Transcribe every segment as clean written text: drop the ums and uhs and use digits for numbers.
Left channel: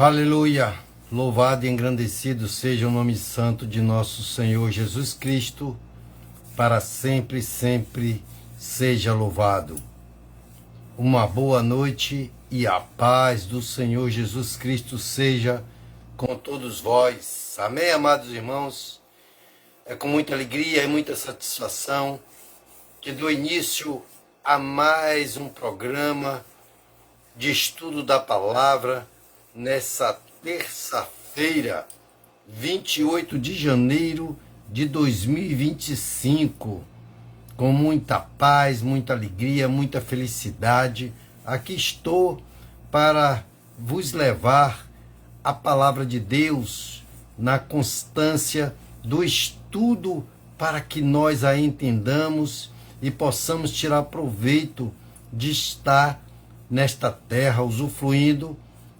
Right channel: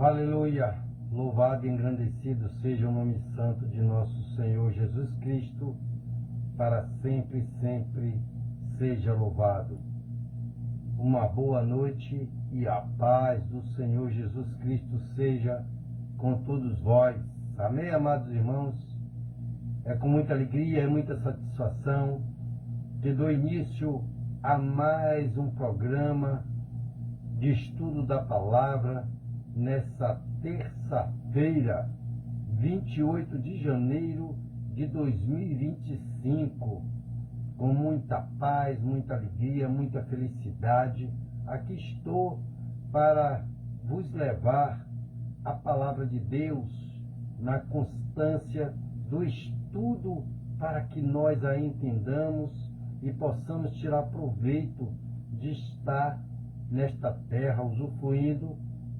Aleluia! Louvado e engrandecido seja o nome santo de nosso Senhor Jesus Cristo, para sempre, sempre seja louvado. Uma boa noite e a paz do Senhor Jesus Cristo seja com todos vós. Amém, amados irmãos? É com muita alegria e muita satisfação que dou início a mais um programa de estudo da palavra nessa terça-feira, 28 de janeiro de 2025, com muita paz, muita alegria, muita felicidade. Aqui estou para vos levar a palavra de Deus na constância do estudo, para que nós a entendamos e possamos tirar proveito de estar nesta terra, usufruindo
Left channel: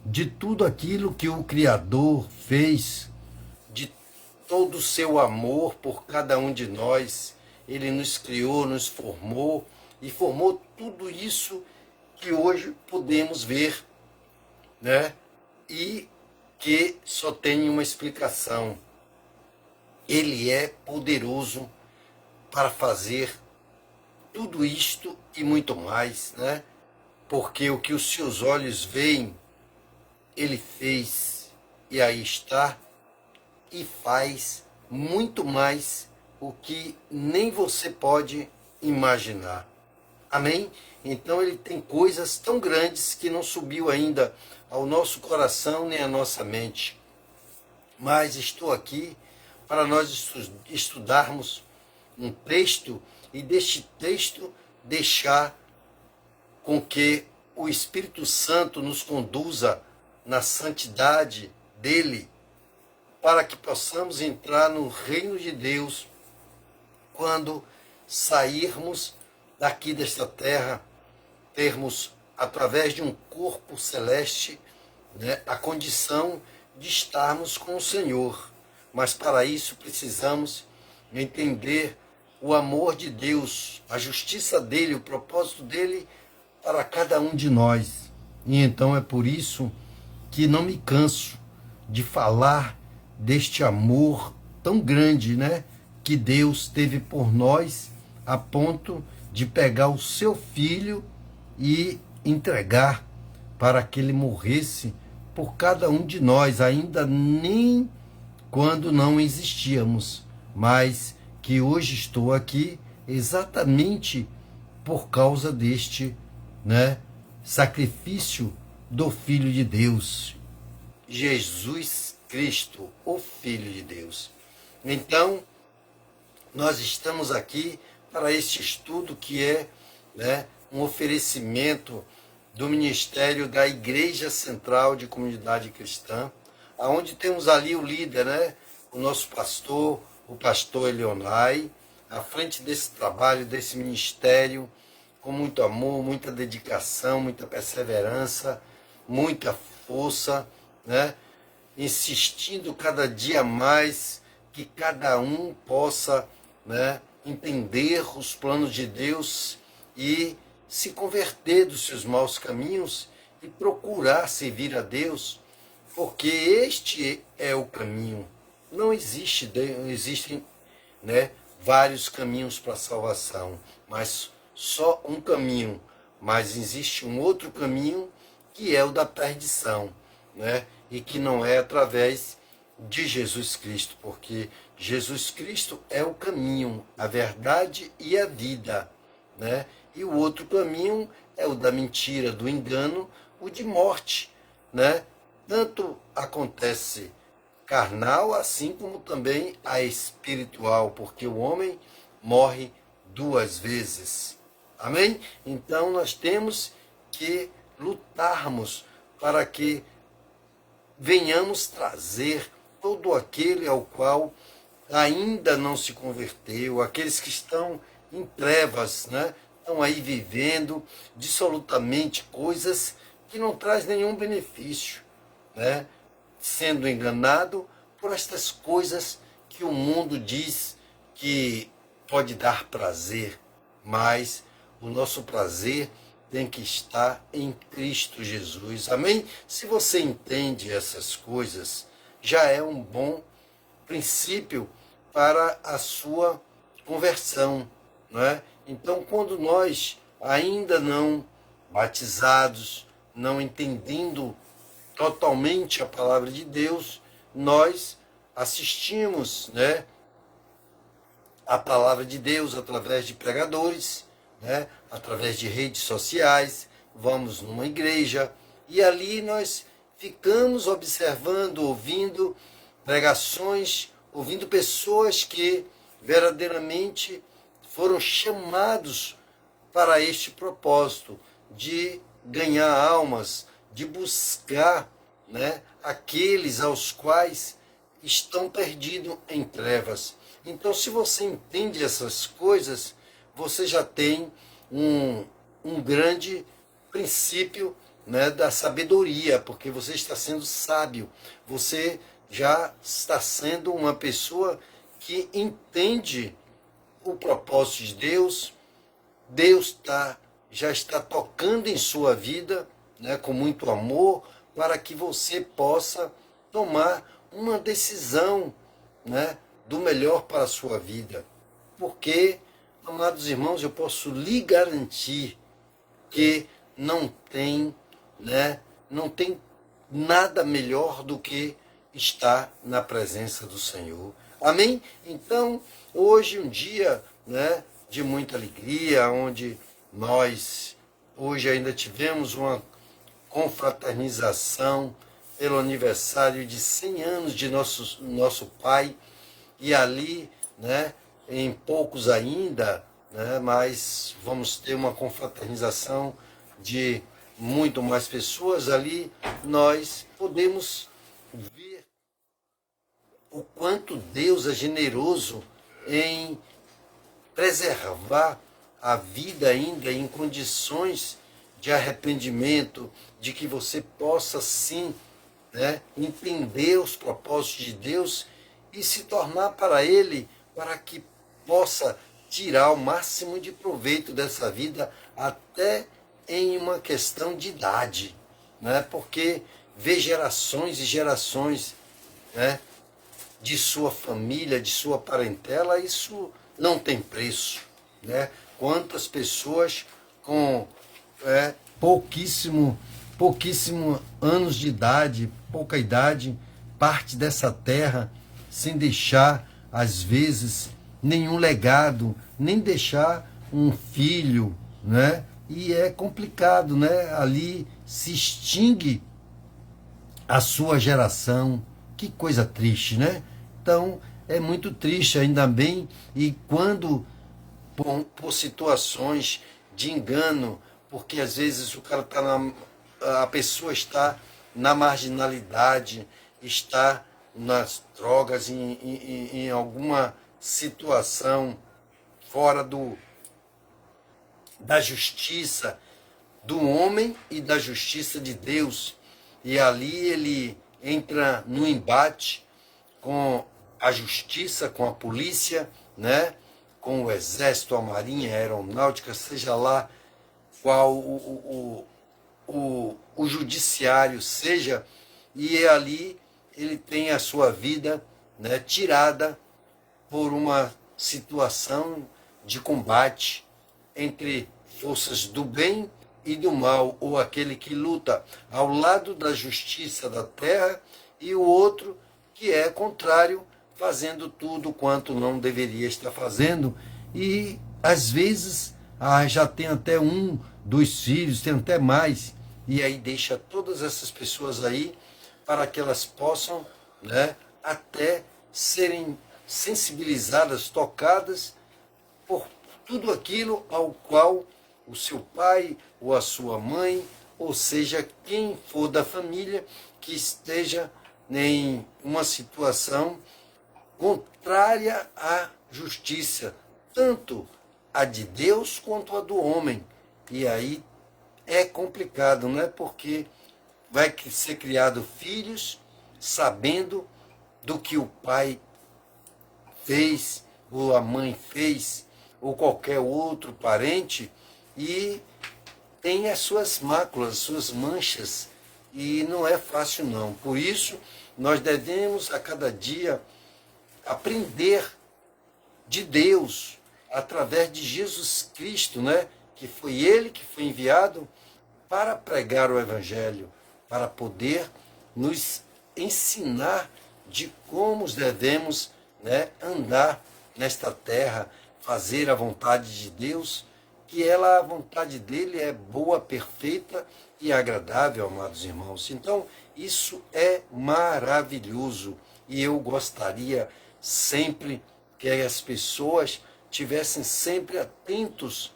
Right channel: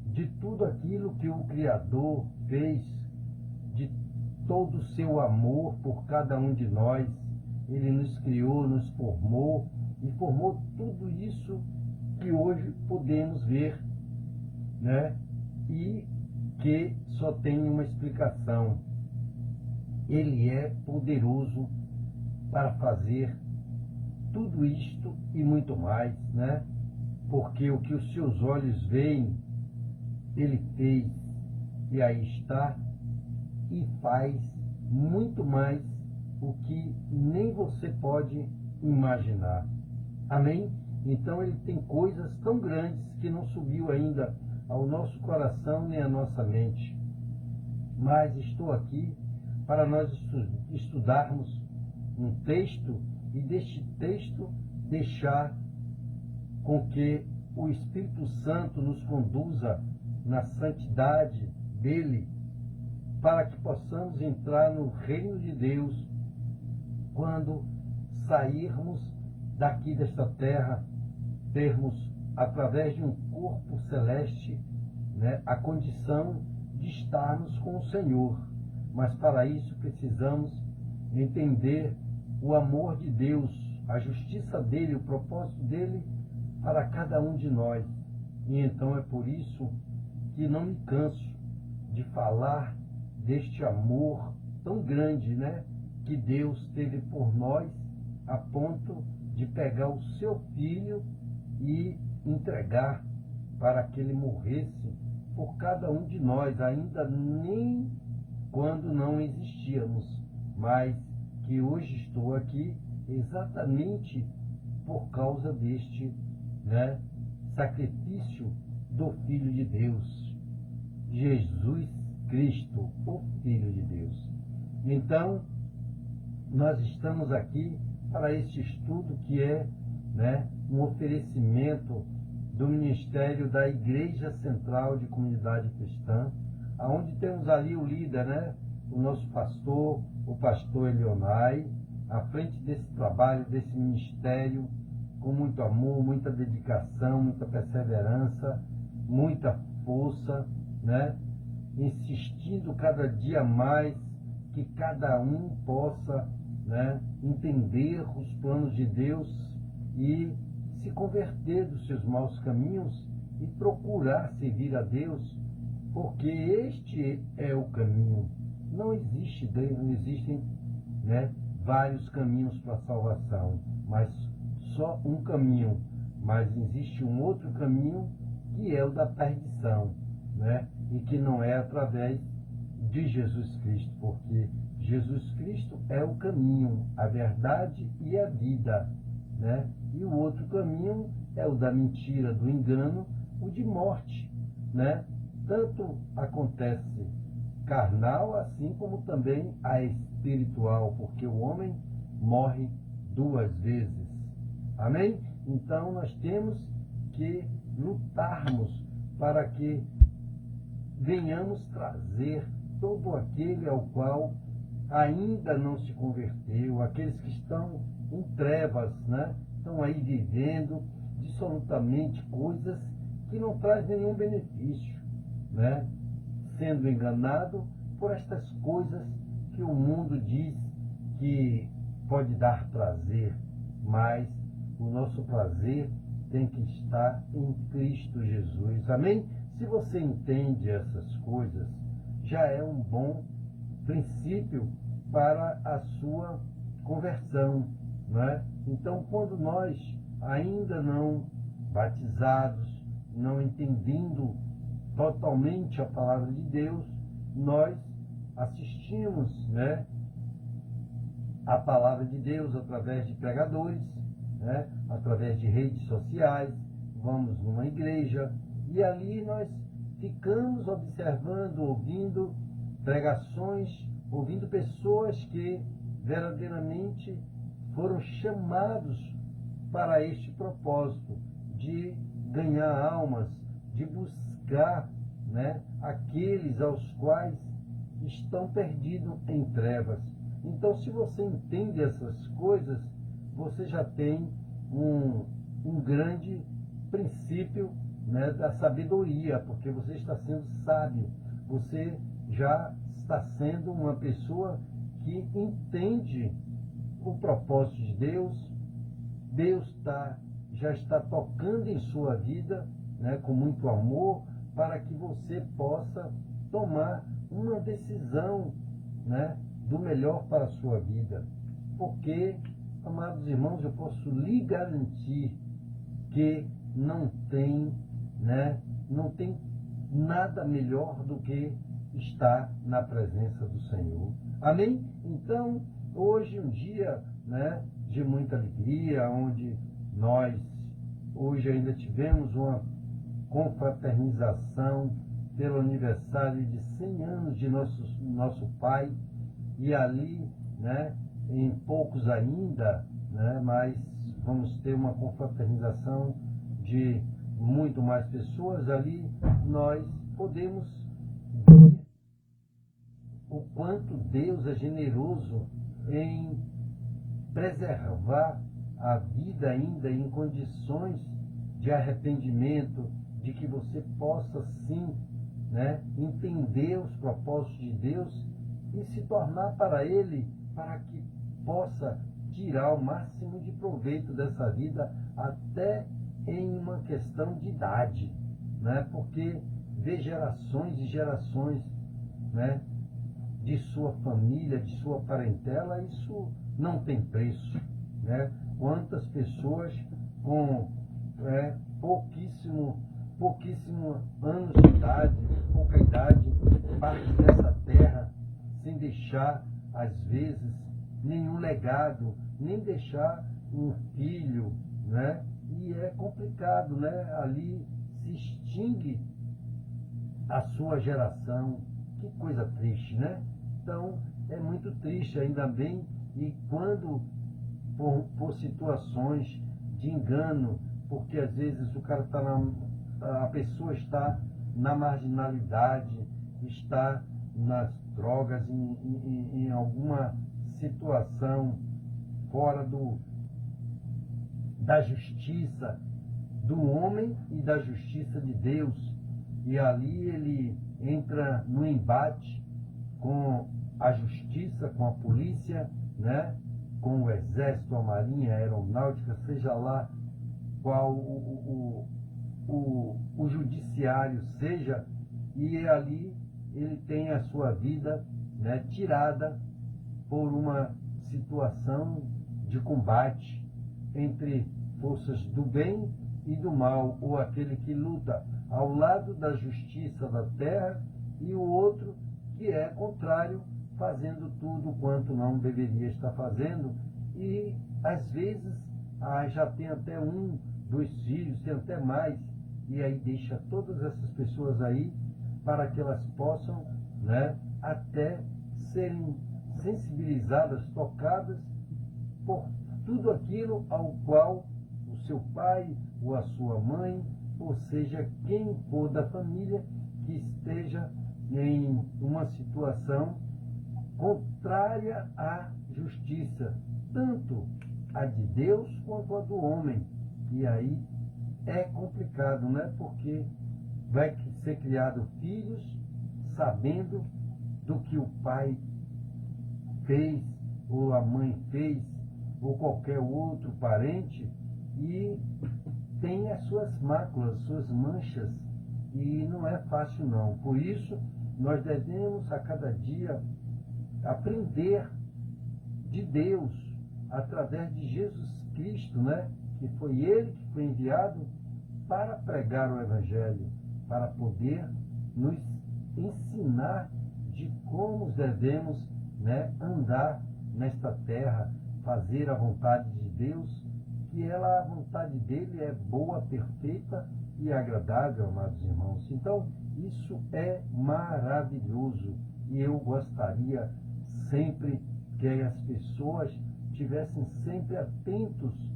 de tudo aquilo que o Criador fez, de todo o seu amor por cada um de nós. Ele nos criou, nos formou e formou tudo isso que hoje podemos ver, né? E que só tem uma explicação. Ele é poderoso para fazer tudo isto e muito mais, né? Porque o que os seus olhos veem, ele fez, e aí está, e faz muito mais o que nem você pode imaginar. Amém? Então ele tem coisas tão grandes que não subiu ainda ao nosso coração nem à nossa mente. Mas estou aqui para nós estudarmos um texto e deste texto deixar com que o Espírito Santo nos conduza na santidade dele, para que possamos entrar no reino de Deus quando sairmos daqui desta terra, termos, através de um corpo celeste, né, a condição de estarmos com o Senhor. Mas para isso precisamos entender o amor de Deus, a justiça dele, o propósito dele para cada um de nós. E então é por isso que não me canso de falar deste amor tão grande, né, que Deus teve por nós, a ponto de pegar o seu filho e entregar para que ele morresse por cada um de nós, ainda nem quando não existíamos, mas que hoje estou aqui exatamente por causa deste, né, sacrifício do Filho de Deus, Jesus Cristo, o Filho de Deus. Então, nós estamos aqui para este estudo que é, né, um oferecimento do Ministério da Igreja Central de Comunidade Cristã, aonde temos ali o líder, né, o nosso pastor, o pastor Elionai, à frente desse trabalho, desse ministério, com muito amor, muita dedicação, muita perseverança, muita força, né? Insistindo cada dia mais que cada um possa, né, entender os planos de Deus e se converter dos seus maus caminhos e procurar servir a Deus, porque este é o caminho. Não existem, né, vários caminhos para a salvação, mas só um caminho. Mas existe um outro caminho, que é o da perdição, né? E que não é através de Jesus Cristo, porque Jesus Cristo é o caminho, a verdade e a vida, né? E o outro caminho é o da mentira, do engano, o de morte, né? Tanto acontece carnal, assim como também a espiritual, porque o homem morre duas vezes. Amém? Então nós temos que lutarmos para que venhamos trazer todo aquele ao qual ainda não se converteu, aqueles que estão em trevas, né? Estão aí vivendo dissolutamente coisas que não traz nenhum benefício, né? Sendo enganado por estas coisas que o mundo diz que pode dar prazer, mas o nosso prazer tem que estar em Cristo Jesus. Amém? Se você entende essas coisas, já é um bom princípio para a sua conversão, não é? Então, quando nós ainda não batizados, não entendendo totalmente a palavra de Deus, nós assistimos, né, a palavra de Deus através de pregadores, né, através de redes sociais, vamos numa igreja e ali nós ficamos observando, ouvindo pregações, ouvindo pessoas que verdadeiramente foram chamados para este propósito de ganhar almas, de buscar, né, aqueles aos quais estão perdidos em trevas. Então, se você entende essas coisas, você já tem um grande princípio, né, da sabedoria, porque você está sendo sábio, você já está sendo uma pessoa que entende o propósito de Deus. Deus já está tocando em sua vida, né, com muito amor, para que você possa tomar uma decisão, né, do melhor para a sua vida. Porque, amados irmãos, eu posso lhe garantir que não tem nada melhor do que estar na presença do Senhor. Amém? Então, hoje um dia, né, de muita alegria, onde nós hoje ainda tivemos uma confraternização pelo aniversário de 100 anos de nosso pai, e ali, né, em poucos ainda, né, mas vamos ter uma confraternização de muito mais pessoas. Ali nós podemos ver o quanto Deus é generoso em preservar a vida ainda em condições de arrependimento, de que você possa sim, né, entender os propósitos de Deus e se tornar para Ele, para que possa tirar o máximo de proveito dessa vida, até em uma questão de idade, né? Porque ver gerações e gerações, né, de sua família, de sua parentela, isso não tem preço, né? Quantas pessoas com pouquíssimo anos de idade, pouca idade, parte dessa terra sem deixar, às vezes, nenhum legado, nem deixar um filho, né? E é complicado, né? Ali se extingue a sua geração. Que coisa triste, né? Então, é muito triste, ainda bem, e quando, por situações de engano, porque às vezes o cara a pessoa está na marginalidade, está nas drogas, em alguma situação fora da justiça do homem e da justiça de Deus, e ali ele entra no embate com a justiça, com a polícia, né, com o exército, a marinha, a aeronáutica, seja lá qual o judiciário seja, e ali ele tem a sua vida, né, tirada por uma situação de combate entre forças do bem e do mal, ou aquele que luta ao lado da justiça da terra e o outro que é contrário, fazendo tudo quanto não deveria estar fazendo. E às vezes já tem até um dos filhos, tem até mais, e aí deixa todas essas pessoas aí para que elas possam, né, até serem sensibilizadas, tocadas por tudo aquilo ao qual o seu pai ou a sua mãe, ou seja, quem for da família, que esteja em uma situação contrária à justiça, tanto a de Deus quanto a do homem. E aí é complicado, não é? Porque vai ser criado filhos sabendo do que o pai fez, ou a mãe fez, ou qualquer outro parente, e tem as suas máculas, suas manchas, e não é fácil não. Por isso, nós devemos a cada dia aprender de Deus, através de Jesus Cristo, né? Que foi Ele que foi enviado para pregar o Evangelho, para poder nos ensinar de como devemos, né, andar nesta terra, fazer a vontade de Deus, que a vontade dele é boa, perfeita e agradável, amados irmãos. Então, isso é maravilhoso e eu gostaria sempre que as pessoas tivessem sempre atentos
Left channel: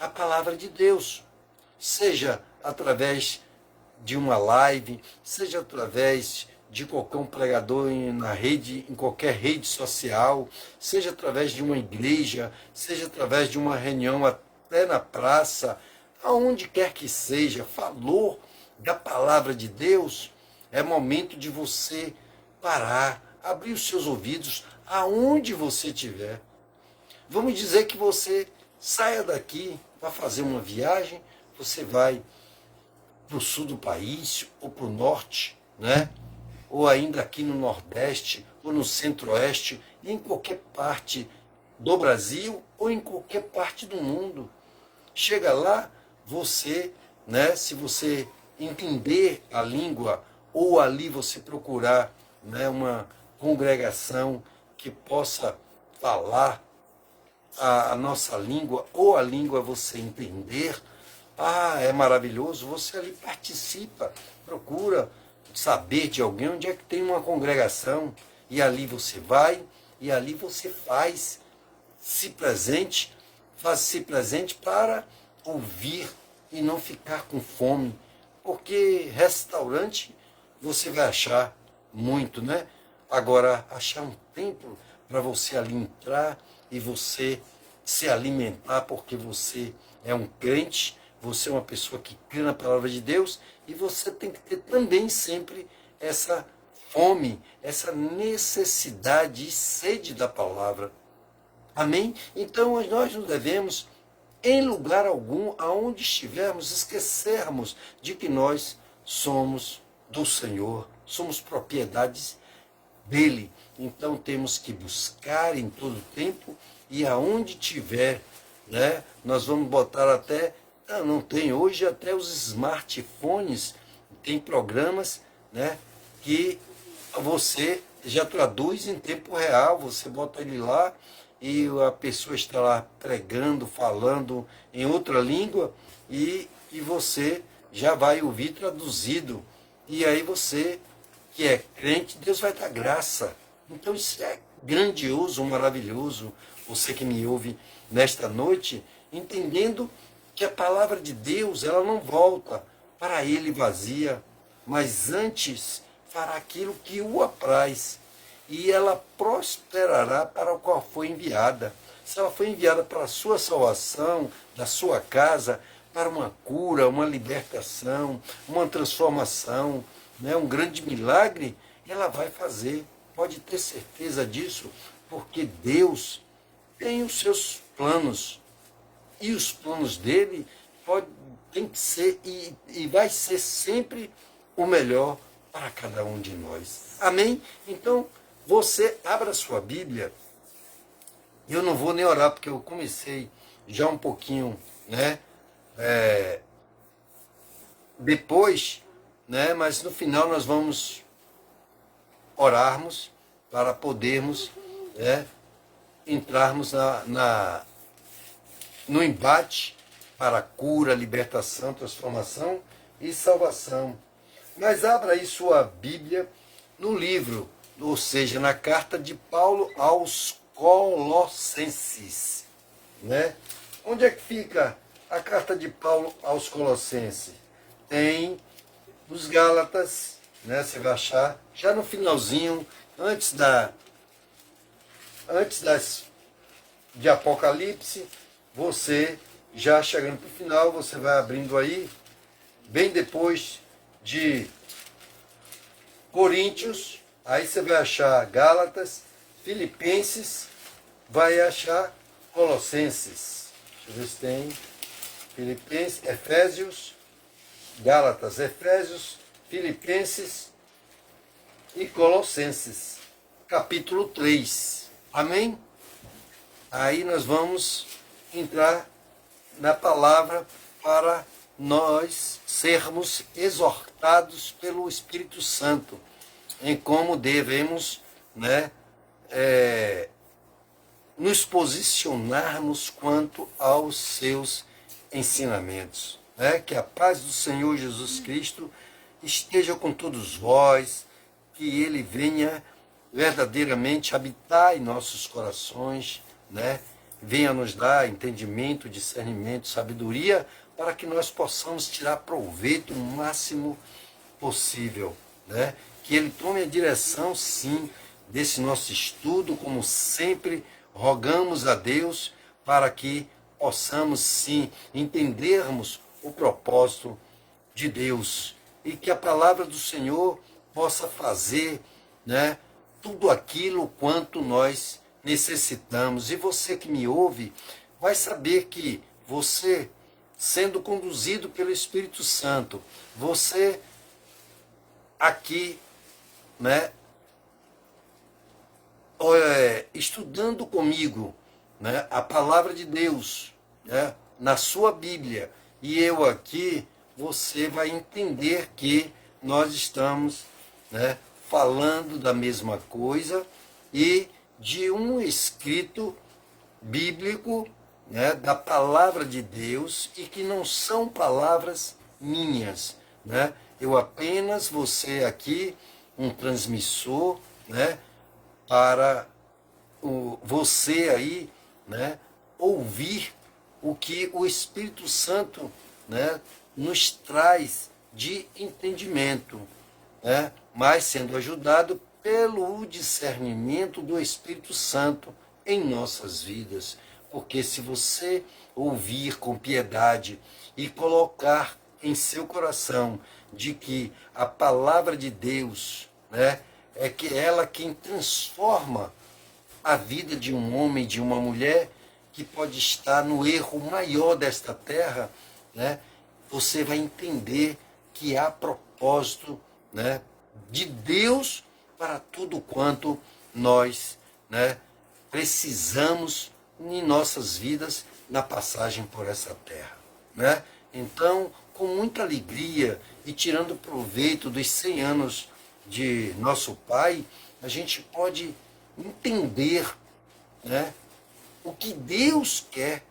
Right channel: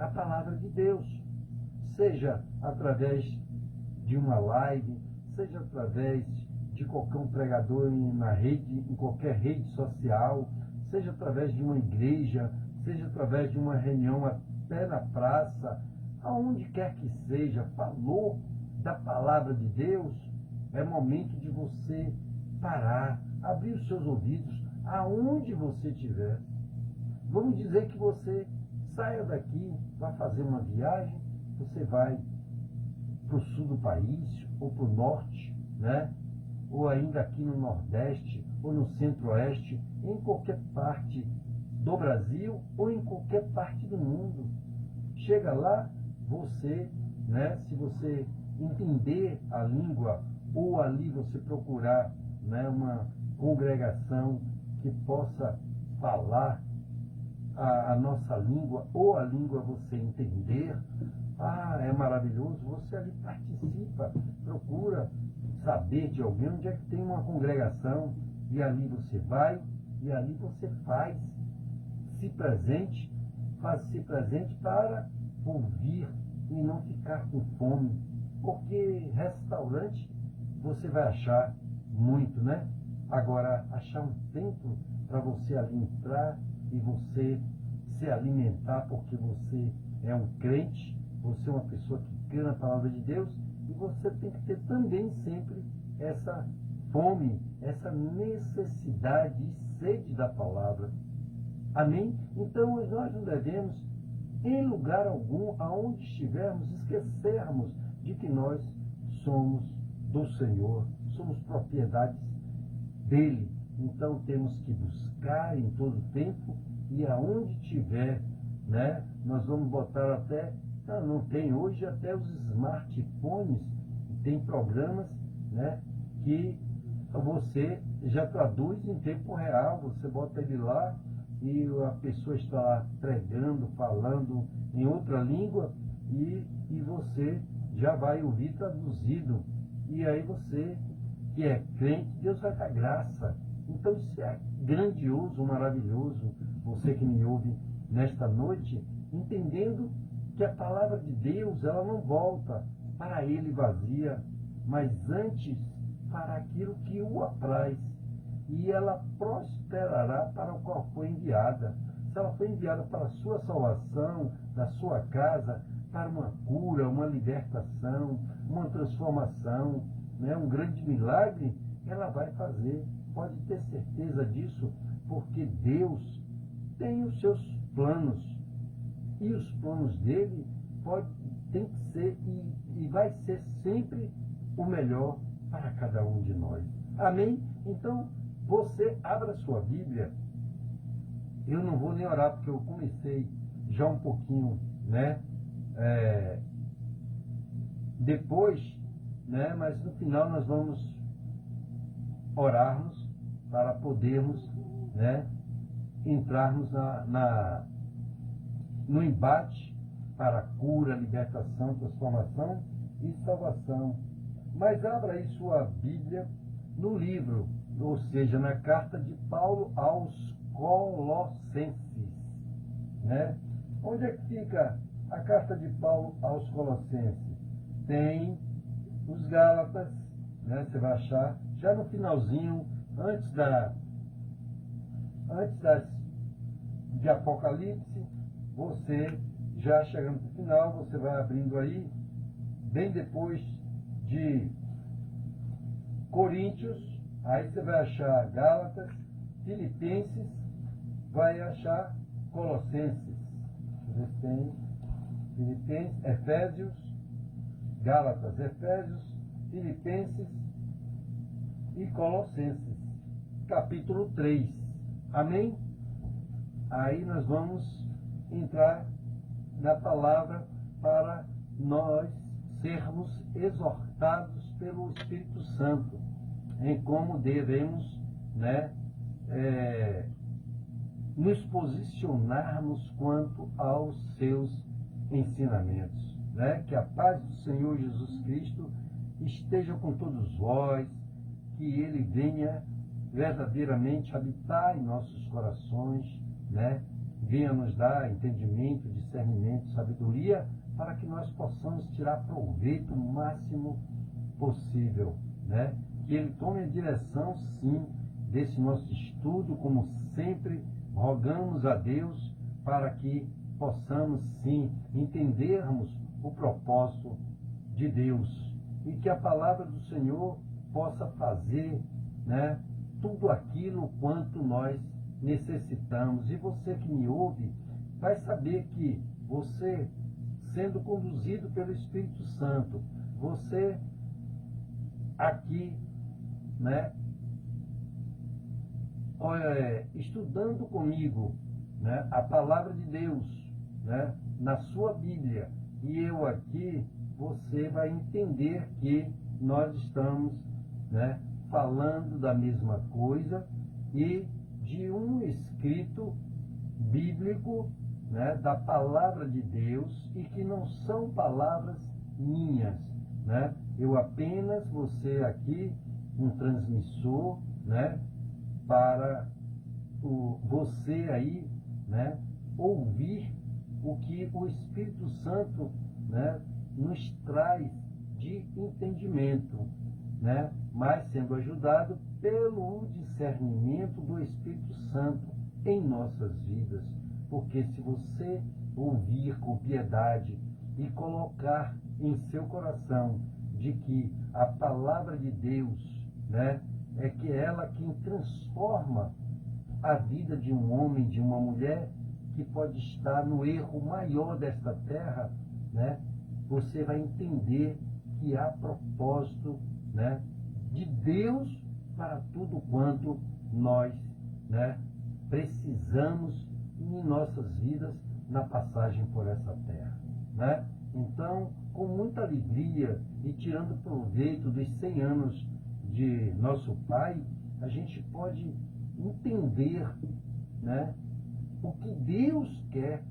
à palavra de Deus, seja através de uma live, seja através de qualquer um pregador na rede, em qualquer rede social, seja através de uma igreja, seja através de uma reunião até na praça, aonde quer que seja, falou da palavra de Deus, é momento de você parar, abrir os seus ouvidos aonde você estiver. Vamos dizer que você saia daqui para fazer uma viagem, você vai para o sul do país, ou para o norte, né? Ou ainda aqui no Nordeste, ou no Centro-Oeste, em qualquer parte do Brasil, ou em qualquer parte do mundo. Chega lá, você, né? Se você entender a língua, ou ali você procurar, né, uma congregação que possa falar a nossa língua, ou a língua você entender, é maravilhoso, você ali participa, procura saber de alguém onde é que tem uma congregação, e ali você vai, e ali você faz-se presente para ouvir e não ficar com fome, porque restaurante você vai achar muito, né? Agora, achar um tempo para você ali entrar e você se alimentar, porque você é um crente, você é uma pessoa que crê na palavra de Deus, e você tem que ter também sempre essa fome, essa necessidade e sede da palavra. Amém? Então nós não devemos, em lugar algum, aonde estivermos, esquecermos de que nós somos do Senhor, somos propriedades dele. Então temos que buscar em todo tempo, e aonde tiver, né, nós vamos botar até, não tem hoje até os smartphones, tem programas, né, que você já traduz em tempo real, você bota ele lá e a pessoa está lá pregando, falando em outra língua, e você já vai ouvir traduzido, e aí você que é crente, Deus vai dar graça. Então isso é grandioso, maravilhoso, você que me ouve nesta noite, entendendo que a palavra de Deus, ela não volta para ele vazia, mas antes fará aquilo que o apraz, e ela prosperará para o qual foi enviada. Se ela foi enviada para a sua salvação, da sua casa, para uma cura, uma libertação, uma transformação, né, um grande milagre, ela vai fazer. Pode ter certeza disso, porque Deus tem os seus planos, e os planos dele tem que ser e vai ser sempre o melhor para cada um de nós. Amém? Então, você abra sua Bíblia. Eu não vou nem orar, porque eu comecei já um pouquinho, né? Depois, né? Mas no final nós vamos orarmos para podermos, né, entrarmos no embate para a cura, libertação, transformação e salvação. Mas abra aí sua Bíblia no livro, ou seja, na carta de Paulo aos Colossenses, né? Onde é que fica a carta de Paulo aos Colossenses? Tem nos Gálatas, né? Você vai achar já no finalzinho, antes de Apocalipse, você já chegando para o final, você vai abrindo aí, bem depois de Coríntios, aí você vai achar Gálatas, Filipenses, vai achar Colossenses. Deixa eu ver se tem. Filipenses, Efésios, Gálatas, Efésios, Filipenses e Colossenses, capítulo 3. Amém? Aí nós vamos entrar na palavra para nós sermos exortados pelo Espírito Santo em como devemos, né, nos posicionarmos quanto aos seus ensinamentos, né? Que a paz do Senhor Jesus Cristo esteja com todos vós, que Ele venha verdadeiramente habitar em nossos corações, né? Venha nos dar entendimento, discernimento, sabedoria, para que nós possamos tirar proveito o máximo possível, né? Que Ele tome a direção, sim, desse nosso estudo, como sempre rogamos a Deus, para que possamos, sim, entendermos o propósito de Deus e que a palavra do Senhor possa fazer, né, tudo aquilo quanto nós necessitamos. E você que me ouve vai saber que você, sendo conduzido pelo Espírito Santo, você aqui, né, estudando comigo, né, a palavra de Deus, né, na sua Bíblia, e eu aqui, você vai entender que nós estamos, né, falando da mesma coisa e de um escrito bíblico, né, da palavra de Deus, e que não são palavras minhas, né? Eu apenas, você aqui, um transmissor, né, para você aí, né, ouvir o que o Espírito Santo, né, nos traz de entendimento, né, mas sendo ajudado pelo discernimento do Espírito Santo em nossas vidas. Porque se você ouvir com piedade e colocar em seu coração de que a palavra de Deus, né, é que ela quem transforma a vida de um homem, de uma mulher que pode estar no erro maior desta terra, né, você vai entender que há propósito, né, de Deus para tudo quanto nós, né, precisamos em nossas vidas na passagem por essa terra, né? Então, com muita alegria e tirando proveito dos 100 anos de nosso Pai, a gente pode entender, né, o que Deus quer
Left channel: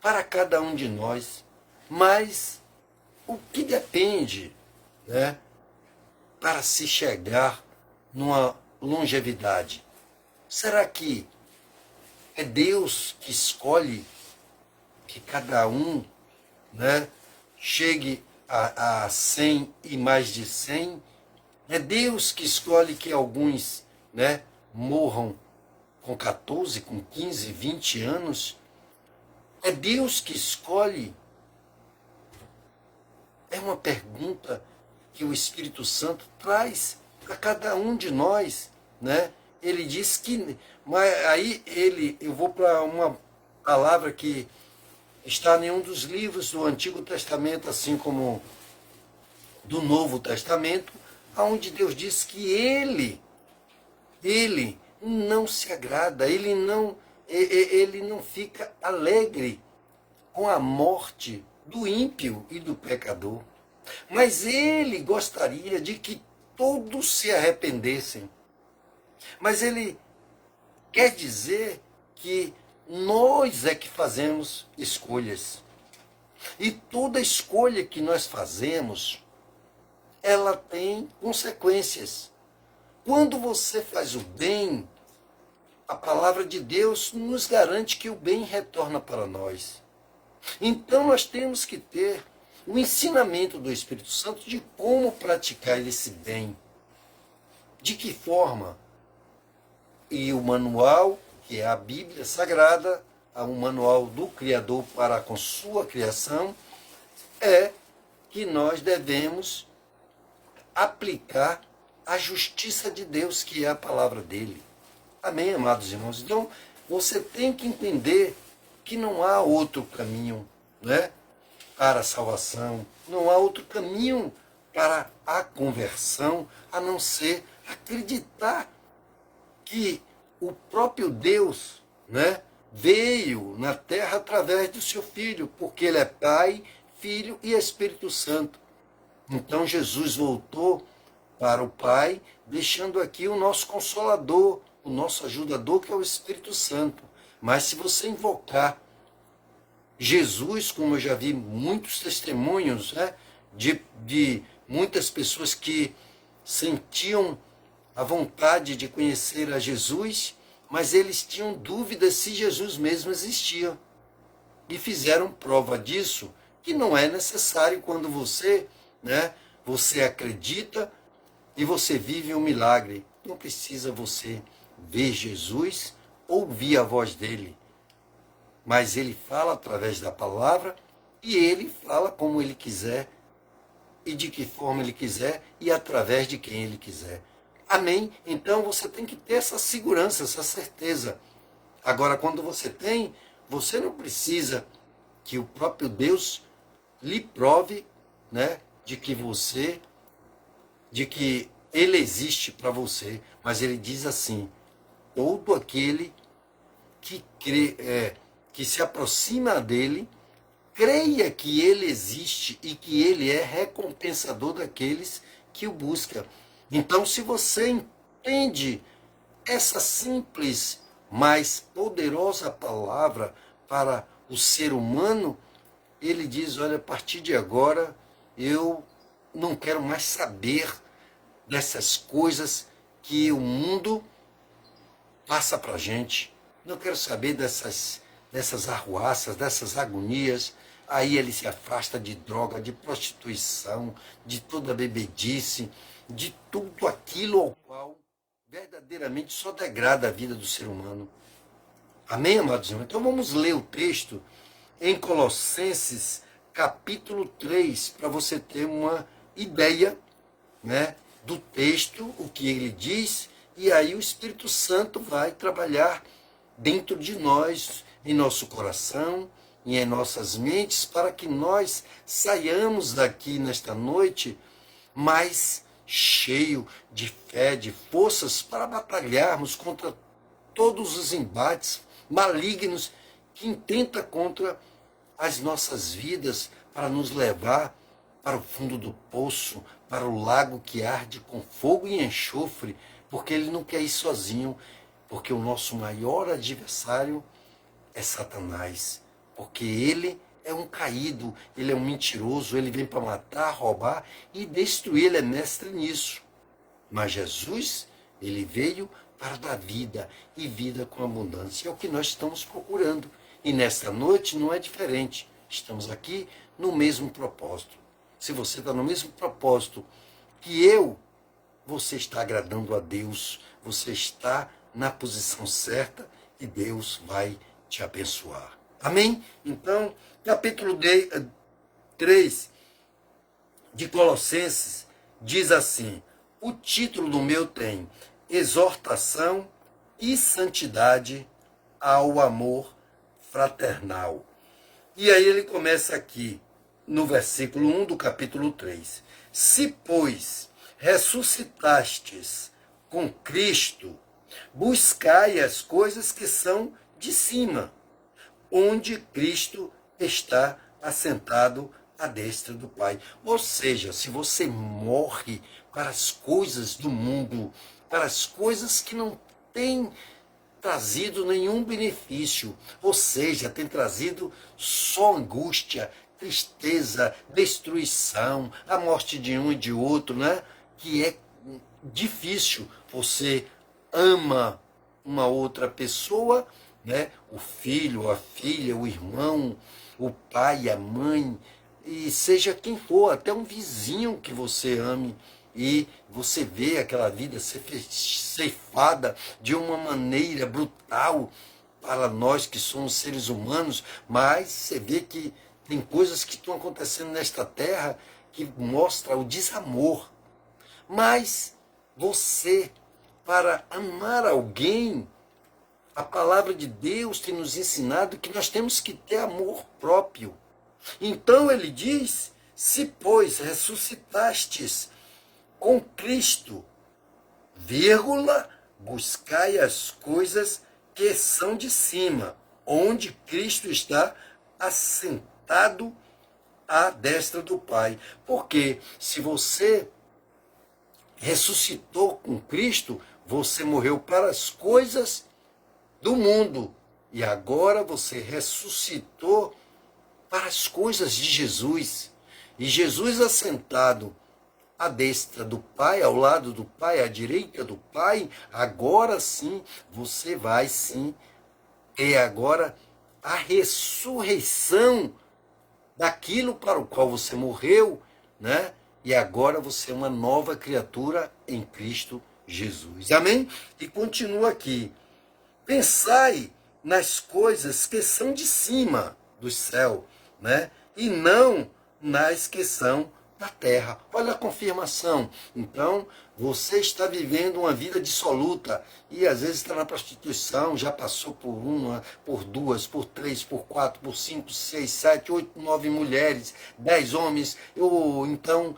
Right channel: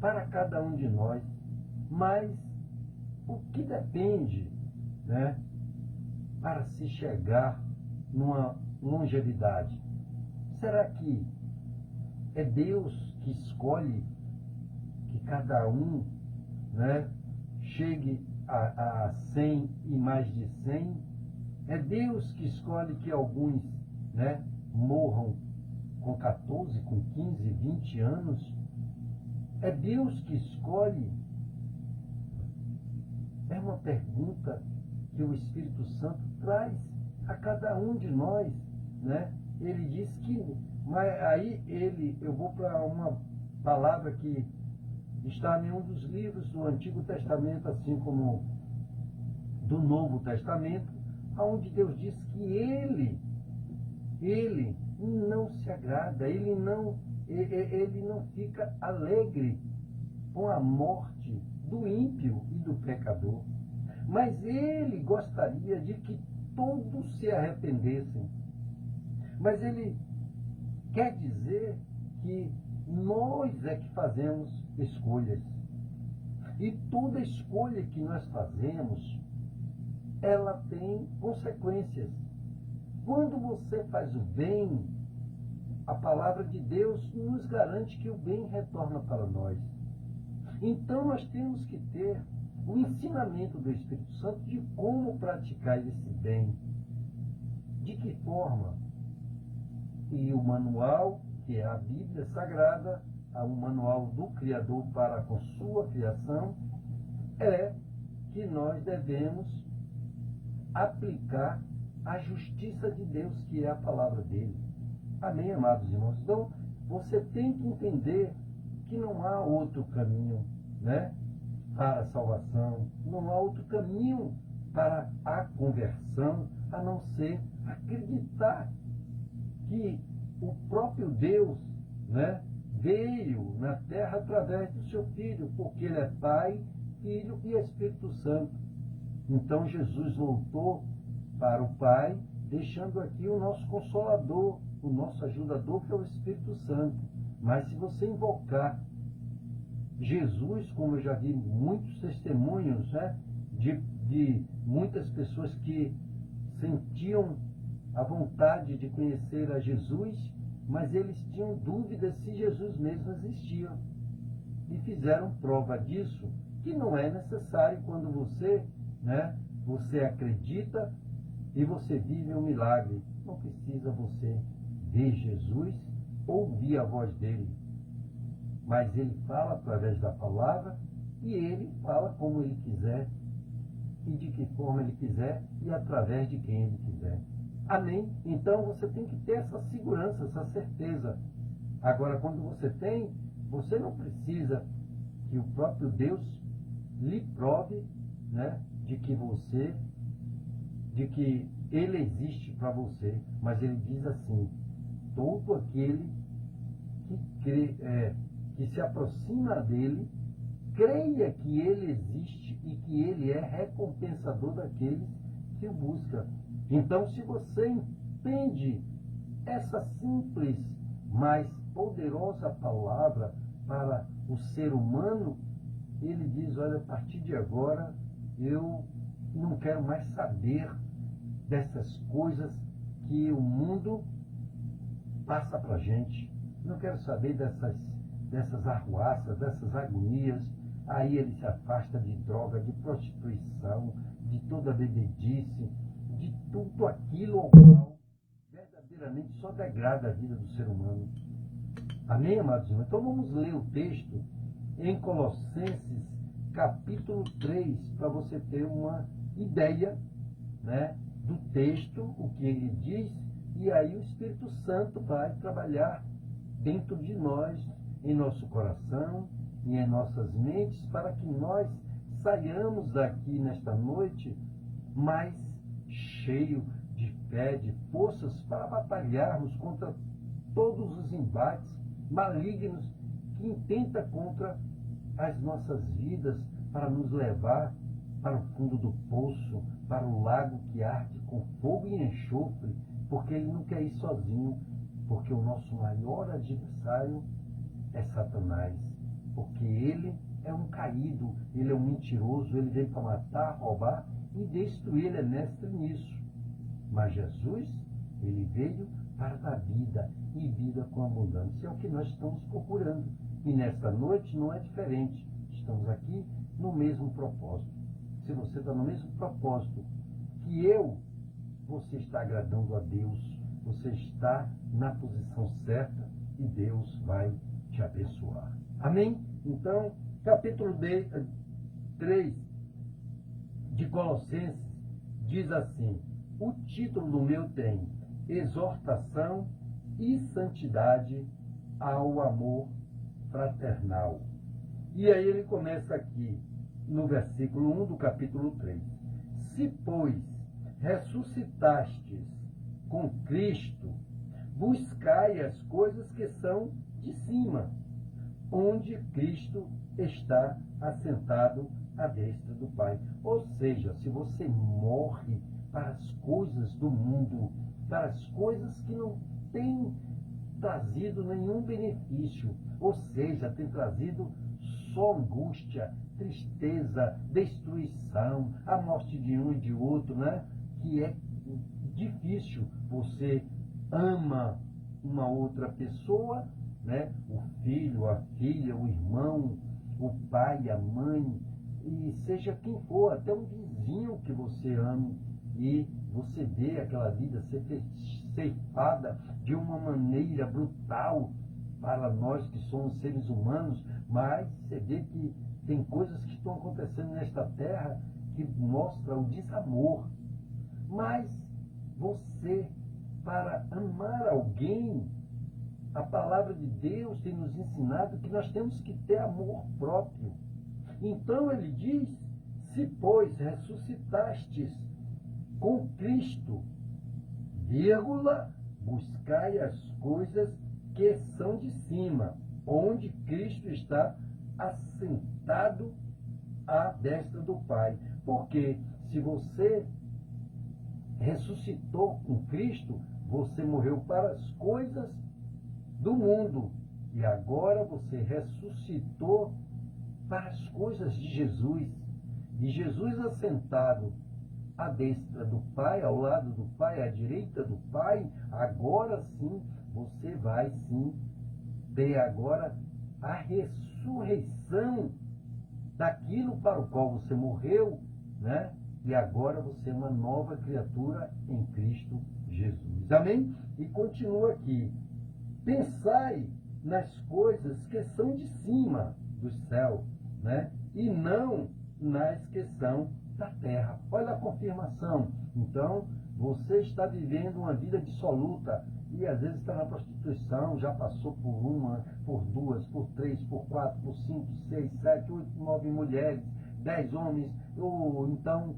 para cada um de nós, mas o que depende, né, para se chegar numa longevidade. Será que é Deus que escolhe que cada um, né, chegue a 100 e mais de 100? É Deus que escolhe que alguns, né, morram com 14, com 15, 20 anos? É Deus que escolhe? É uma pergunta que o Espírito Santo traz a cada um de nós, né? Ele diz que, mas aí eu vou para uma palavra que está em um dos livros do Antigo Testamento, assim como do Novo Testamento, onde Deus diz que ele não se agrada, ele não fica alegre com a morte do ímpio e do pecador, mas ele gostaria de que todos se arrependessem. Mas ele quer dizer que nós é que fazemos escolhas. E toda escolha que nós fazemos, ela tem consequências. Quando você faz o bem, a palavra de Deus nos garante que o bem retorna para nós. Então nós temos que ter o ensinamento do Espírito Santo de como praticar esse bem. De que forma? E o manual, que é a Bíblia Sagrada, um manual do Criador para com sua criação, é que nós devemos aplicar a justiça de Deus, que é a palavra dele. Amém, amados irmãos? Então, você tem que entender que não há outro caminho, né? para a salvação, não há outro caminho para a conversão a não ser acreditar que o próprio Deus, né, veio na terra através do seu Filho, porque ele é Pai, Filho e Espírito Santo. Então Jesus voltou para o Pai, deixando aqui o nosso Consolador, o nosso ajudador, que é o Espírito Santo. Mas se você invocar Jesus, como eu já vi muitos testemunhos, né, de muitas pessoas que sentiam a vontade de conhecer a Jesus, mas eles tinham dúvidas se Jesus mesmo existia. E fizeram prova disso, que não é necessário quando você, né, você acredita e você vive um milagre. Não precisa você ver Jesus, ouvir a voz dele. Mas ele fala através da palavra e ele fala como ele quiser e de que forma ele quiser e através de quem ele quiser. Amém? Então você tem que ter essa segurança, essa certeza. Agora, quando você tem, você não precisa que o próprio Deus lhe prove, né, de que ele existe para você. Mas ele diz assim: todo aquele que crê, que se aproxima dele, creia que ele existe e que ele é recompensador daqueles que o buscam. Então, se você entende essa simples, mas poderosa palavra para o ser humano, ele diz: olha, a partir de agora, eu não quero mais saber dessas coisas que o mundo passa para a gente. Não quero saber dessas arruaças, dessas agonias. Aí ele se afasta de droga, de prostituição, de toda bebedice, de tudo aquilo ao qual verdadeiramente só degrada a vida do ser humano. Amém, amados irmãos? Então vamos ler o texto em Colossenses capítulo 3, para você ter uma ideia, né, do texto, o que ele diz, e aí o Espírito Santo vai trabalhar dentro de nós, em nosso coração e em nossas mentes, para que nós saiamos daqui nesta noite mais cheio de fé, de forças para batalharmos contra todos os embates malignos que intenta contra as nossas vidas, para nos levar para o fundo do poço, para o lago que arde com fogo e enxofre, porque ele não quer ir sozinho, porque o nosso maior adversário é Satanás, porque ele é um caído, ele é um mentiroso, ele vem para matar, roubar e destruir, ele é mestre nisso. Mas Jesus, ele veio para dar vida, e vida com abundância. É o que nós estamos procurando. E nesta noite não é diferente. Estamos aqui no mesmo propósito. Se você está no mesmo propósito que eu, você está agradando a Deus, você está na posição certa e Deus vai te abençoar. Amém? Então, capítulo 3 de Colossenses diz assim: o título do meu tem exortação e santidade ao amor fraternal. E aí ele começa aqui no versículo 1 do capítulo 3. Se, pois, ressuscitastes com Cristo, buscai as coisas que são de cima, onde Cristo está assentado à destra do Pai. Ou seja, se você morre para as coisas do mundo, para as coisas que não têm trazido nenhum benefício, ou seja, tem trazido só angústia, tristeza, destruição, a morte de um e de outro, né? Que é difícil. Você ama uma outra pessoa, né? O filho, a filha, o irmão, o pai, a mãe, e seja quem for, até um vizinho que você ame, e você vê aquela vida ser ceifada de uma maneira brutal para nós que somos seres humanos, mas você vê que tem coisas que estão acontecendo nesta terra que mostra o desamor. Mas você, para amar alguém, a palavra de Deus tem nos ensinado que nós temos que ter amor próprio. Então ele diz: se, pois, ressuscitastes com Cristo, vírgula, buscai as coisas que são de cima, onde Cristo está assentado à destra do Pai. Porque se você ressuscitou com Cristo, você morreu para as coisas do mundo. E agora você ressuscitou para as coisas de Jesus. E Jesus assentado à destra do Pai, ao lado do Pai, à direita do Pai, agora sim, você vai sim ter agora a ressurreição daquilo para o qual você morreu, né? E agora você é uma nova criatura em Cristo Jesus. Amém? E continua aqui. Pensai nas coisas que são de cima do céu, né? E não nas que são da terra. Olha a confirmação. Então, você está vivendo uma vida dissoluta e às vezes está na prostituição, já passou por uma, por duas, por três, por quatro, por cinco, seis, sete, oito, 9 mulheres, 10 homens, ou então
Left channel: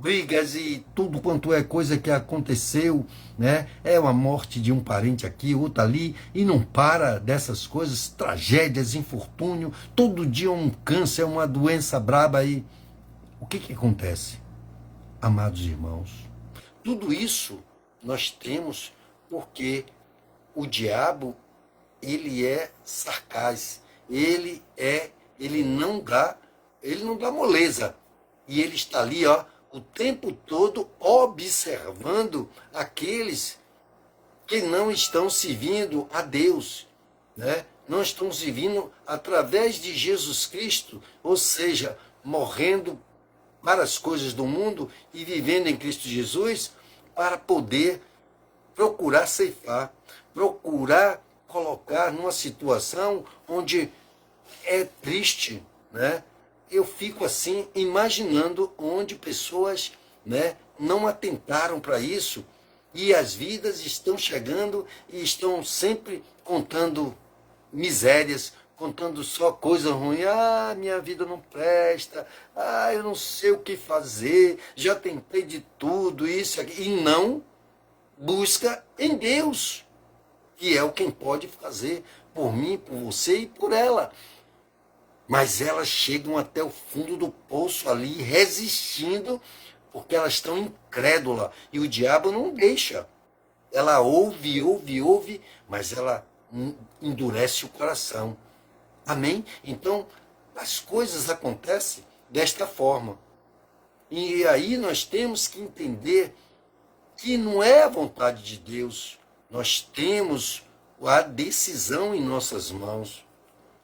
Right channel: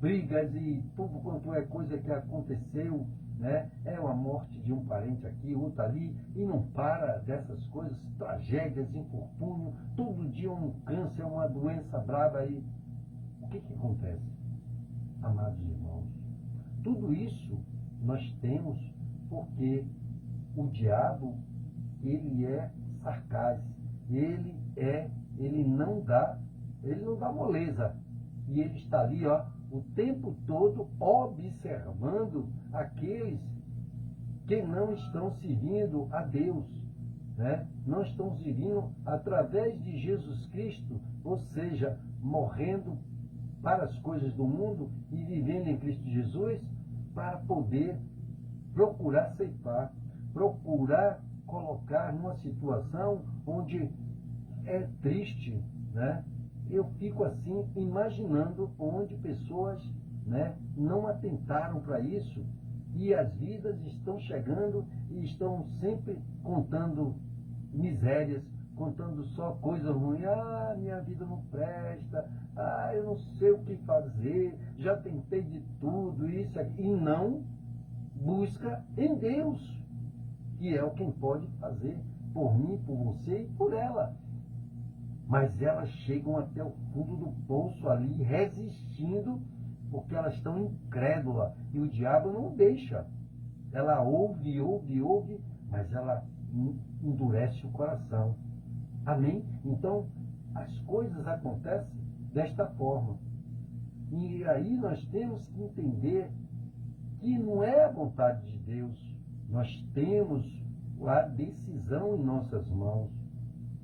brigas e tudo quanto é coisa que aconteceu, né? É uma morte de um parente aqui, outra ali, e não para dessas coisas, tragédias, infortúnio, todo dia um câncer, uma doença braba aí. O que acontece, amados irmãos? Tudo isso nós temos porque o diabo, ele é sarcás, ele não dá moleza. E ele está ali, ó, o tempo todo observando aqueles que não estão servindo a Deus, né? Não estão servindo através de Jesus Cristo, ou seja, morrendo para as coisas do mundo e vivendo em Cristo Jesus para poder procurar ceifar, procurar colocar numa situação onde é triste, né? Eu fico assim imaginando onde pessoas, né, não atentaram para isso e as vidas estão chegando e estão sempre contando misérias, contando só coisa ruim. Ah, minha vida não presta. Ah, eu não sei o que fazer. Já tentei de tudo, isso aqui. E não busca em Deus, que é o quem pode fazer por mim, por você e por ela. Mas elas chegam até o fundo do poço ali, resistindo, porque elas estão incrédulas. E o diabo não deixa. Ela ouve, mas ela endurece o coração. Amém? Então, as coisas acontecem desta forma. E aí nós temos que entender que não é a vontade de Deus. Nós temos a decisão em nossas mãos,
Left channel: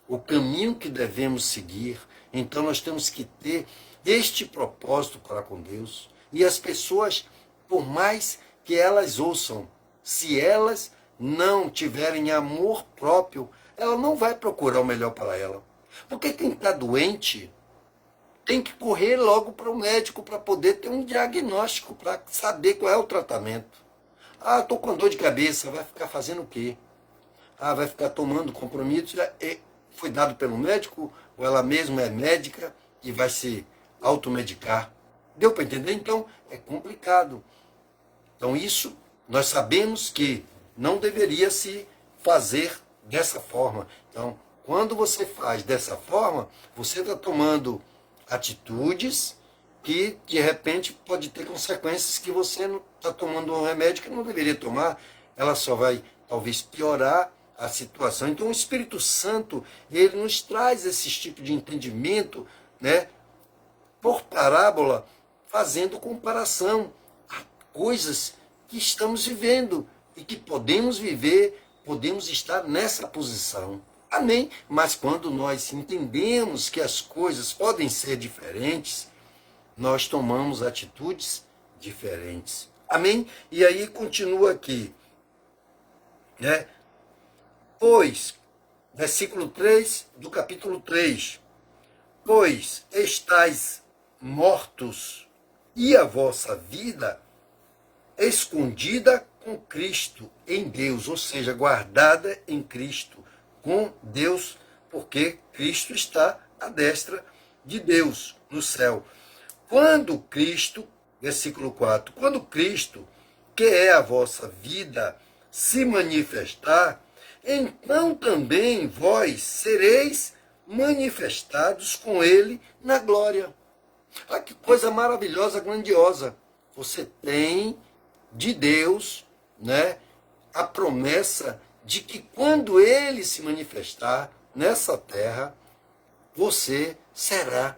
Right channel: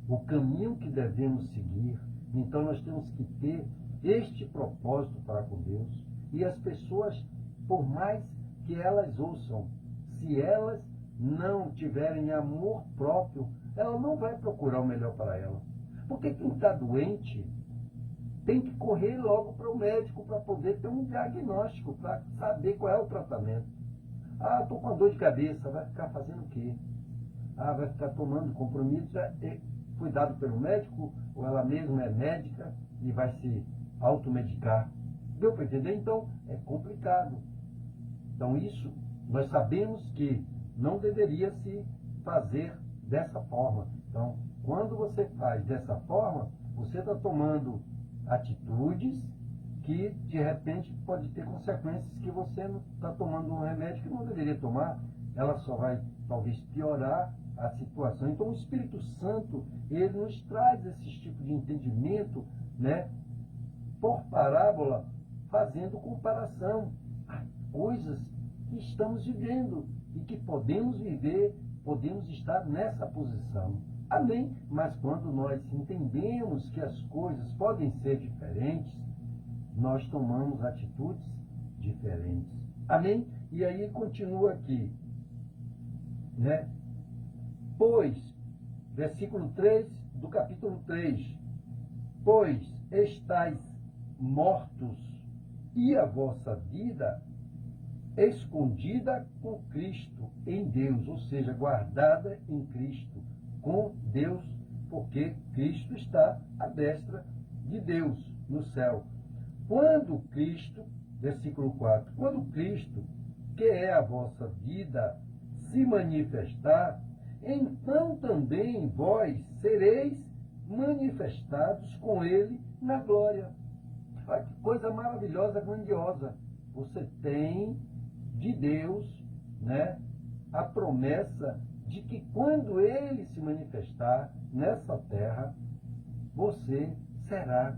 o caminho que devemos seguir. Então nós temos que ter este propósito para com Deus. E as pessoas, por mais que elas ouçam, se elas não tiverem amor próprio, ela não vai procurar o melhor para ela. Porque quem está doente tem que correr logo para o médico para poder ter um diagnóstico, para saber qual é o tratamento. Ah, estou com dor de cabeça, vai ficar fazendo o quê? Ah, vai ficar tomando compromisso. Foi dado pelo médico, ou ela mesma é médica e vai se automedicar. Deu para entender? Então, é complicado. Então, isso nós sabemos que não deveria se fazer dessa forma. Então, quando você faz dessa forma, você está tomando atitudes que, de repente, pode ter consequências que você não está tomando um remédio que não deveria tomar. Ela só vai, talvez, piorar a situação. Então, o Espírito Santo, ele nos traz esse tipo de entendimento, né, por parábola, fazendo comparação a coisas que estamos vivendo e que podemos viver, podemos estar nessa posição. Amém? Mas quando nós entendemos que as coisas podem ser diferentes, nós tomamos atitudes diferentes. Amém? E aí continua aqui, né? Pois, versículo 3 do capítulo 3, pois estáis mortos e a vossa vida escondida com Cristo em Deus, ou seja, guardada em Cristo, com Deus, porque Cristo está à destra de Deus no céu. Quando Cristo, versículo 4, quando Cristo, que é a vossa vida, se manifestar, então também vós sereis manifestados com ele na glória. Ah, que coisa maravilhosa, grandiosa. Você tem de Deus, né, a promessa de que quando ele se manifestar nessa terra, você será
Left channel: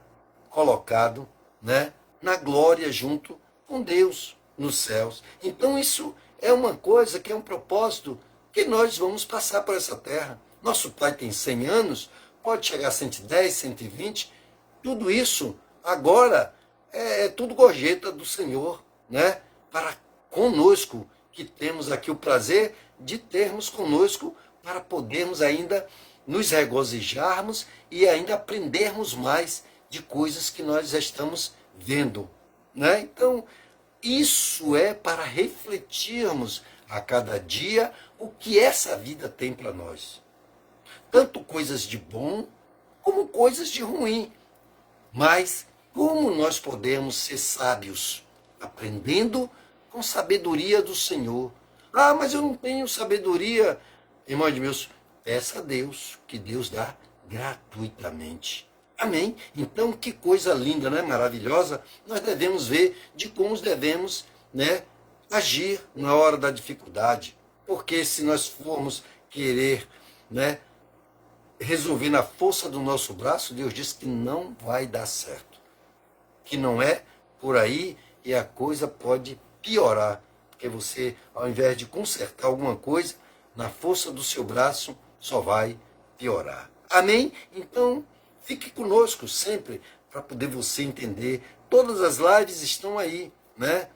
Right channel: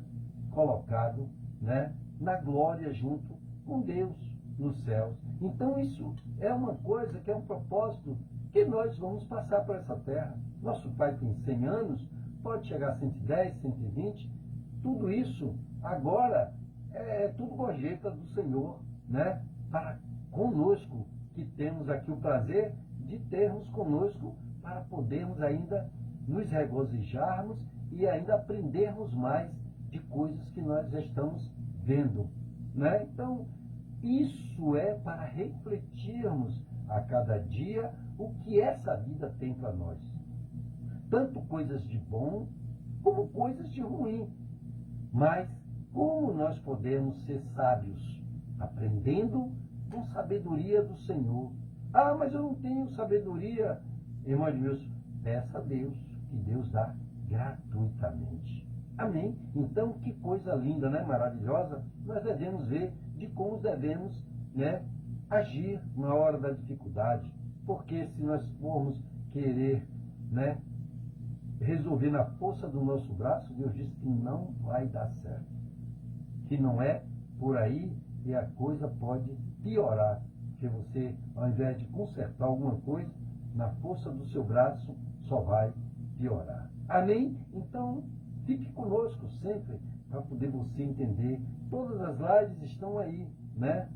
colocado, né, na glória junto com Deus nos céus. Então isso é uma coisa que é um propósito que nós vamos passar por essa terra. Nosso pai tem 100 anos, pode chegar a 110, 120, tudo isso agora é tudo gorjeta do Senhor, né, para conosco, que temos aqui o prazer de termos conosco, para podermos ainda nos regozijarmos e ainda aprendermos mais de coisas que nós já estamos vendo, né? Então, isso é para refletirmos a cada dia o que essa vida tem para nós. Tanto coisas de bom, como coisas de ruim. Mas como nós podemos ser sábios? Aprendendo com sabedoria do Senhor. Ah, mas eu não tenho sabedoria. Irmão de meus, peça a Deus, que Deus dá gratuitamente. Amém? Então, que coisa linda, né? Maravilhosa. Nós devemos ver de como devemos, né, agir na hora da dificuldade. Porque se nós formos querer, né, resolver na força do nosso braço, Deus diz que não vai dar certo. Que não é por aí e a coisa pode piorar. Porque você, ao invés de consertar alguma coisa, na força do seu braço, só vai piorar. Amém? Então, fique conosco sempre para poder você entender. Todas as lives estão aí, né?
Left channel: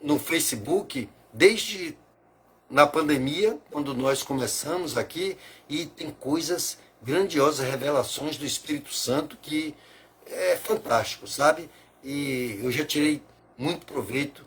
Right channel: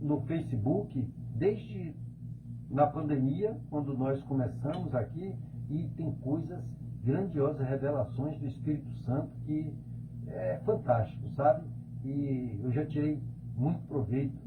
No Facebook, desde na pandemia, quando nós começamos aqui, e tem coisas grandiosas, revelações do Espírito Santo que é fantástico, sabe? E eu já tirei muito proveito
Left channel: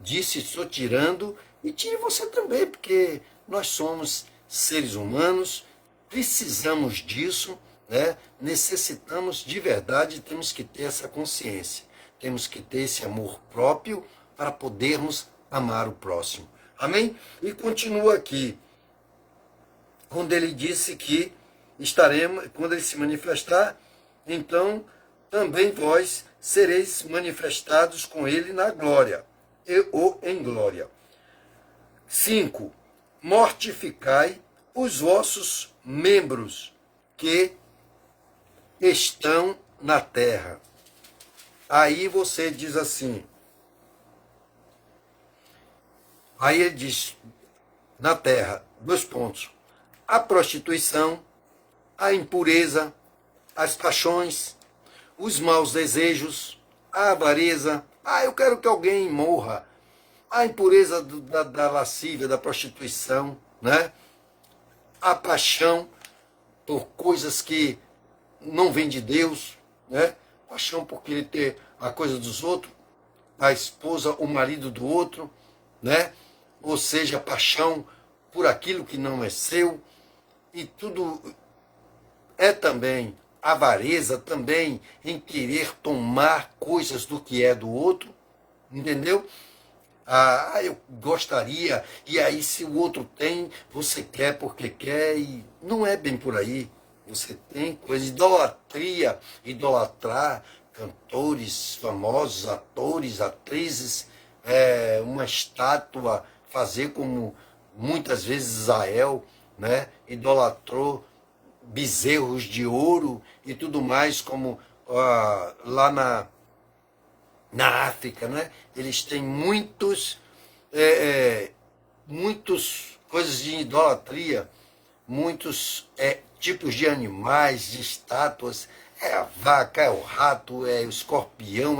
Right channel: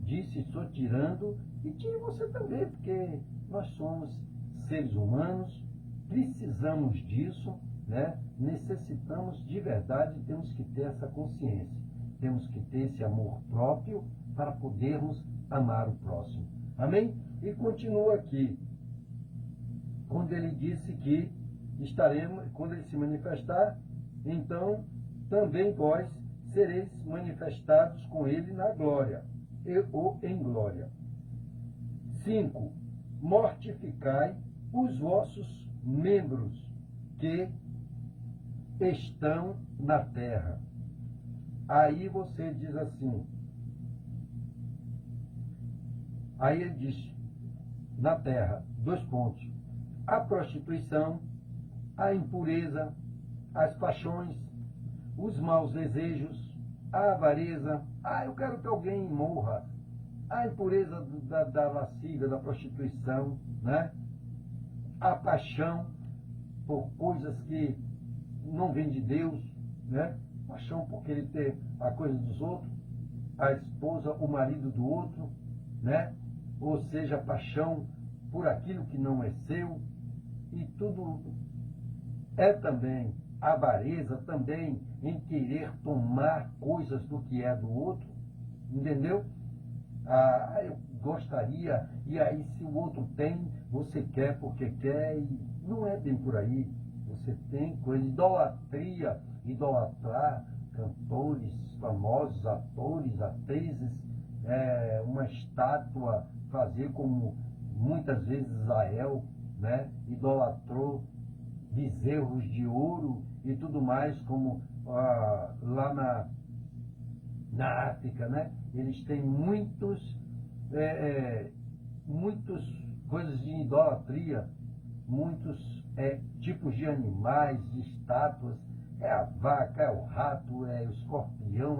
disso, estou tirando, e tire você também, porque nós somos seres humanos, precisamos disso, né? Necessitamos de verdade, temos que ter essa consciência, temos que ter esse amor próprio para podermos amar o próximo. Amém? E continua aqui, quando ele disse que estaremos, quando ele se manifestar, então também vós sereis manifestados com ele na glória, ou em glória. 5. Mortificai os vossos membros que estão na terra. Aí você diz assim, aí ele diz, na terra, 2 pontos, a prostituição, a impureza, as paixões, os maus desejos, a avareza, eu quero que alguém morra, a impureza da lascívia, da prostituição, né? A paixão por coisas que não vêm de Deus, né? Paixão por querer ter a coisa dos outros, a esposa, o marido do outro, né? Ou seja, paixão por aquilo que não é seu, e tudo é também avareza, também em querer tomar coisas do que é do outro, entendeu? Eu gostaria, e aí se o outro tem, você quer porque quer, e não é bem por aí. Você tem coisa, idolatria, idolatrar cantores famosos, atores, atrizes, uma estátua, fazer como muitas vezes Israel, né, idolatrou bezerros de ouro e tudo mais, como lá na África, né? Eles têm muitos coisas de idolatria, muitos tipos de animais, de estátuas, a vaca, o rato, o escorpião,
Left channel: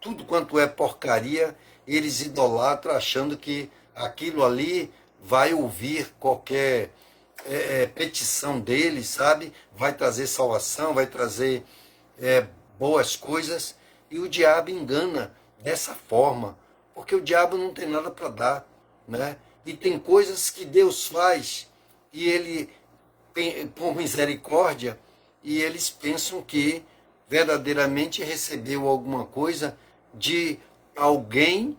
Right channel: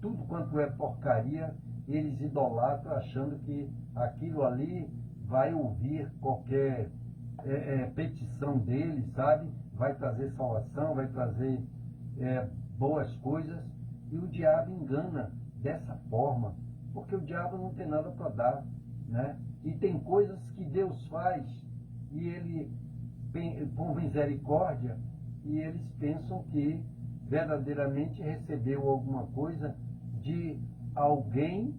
tudo quanto é porcaria, eles idolatram achando que aquilo ali vai ouvir qualquer petição deles, sabe? Vai trazer salvação, vai trazer boas coisas, e o diabo engana dessa forma, porque o diabo não tem nada para dar, né? E tem coisas que Deus faz, e ele, por misericórdia, e eles pensam que verdadeiramente recebeu alguma coisa de alguém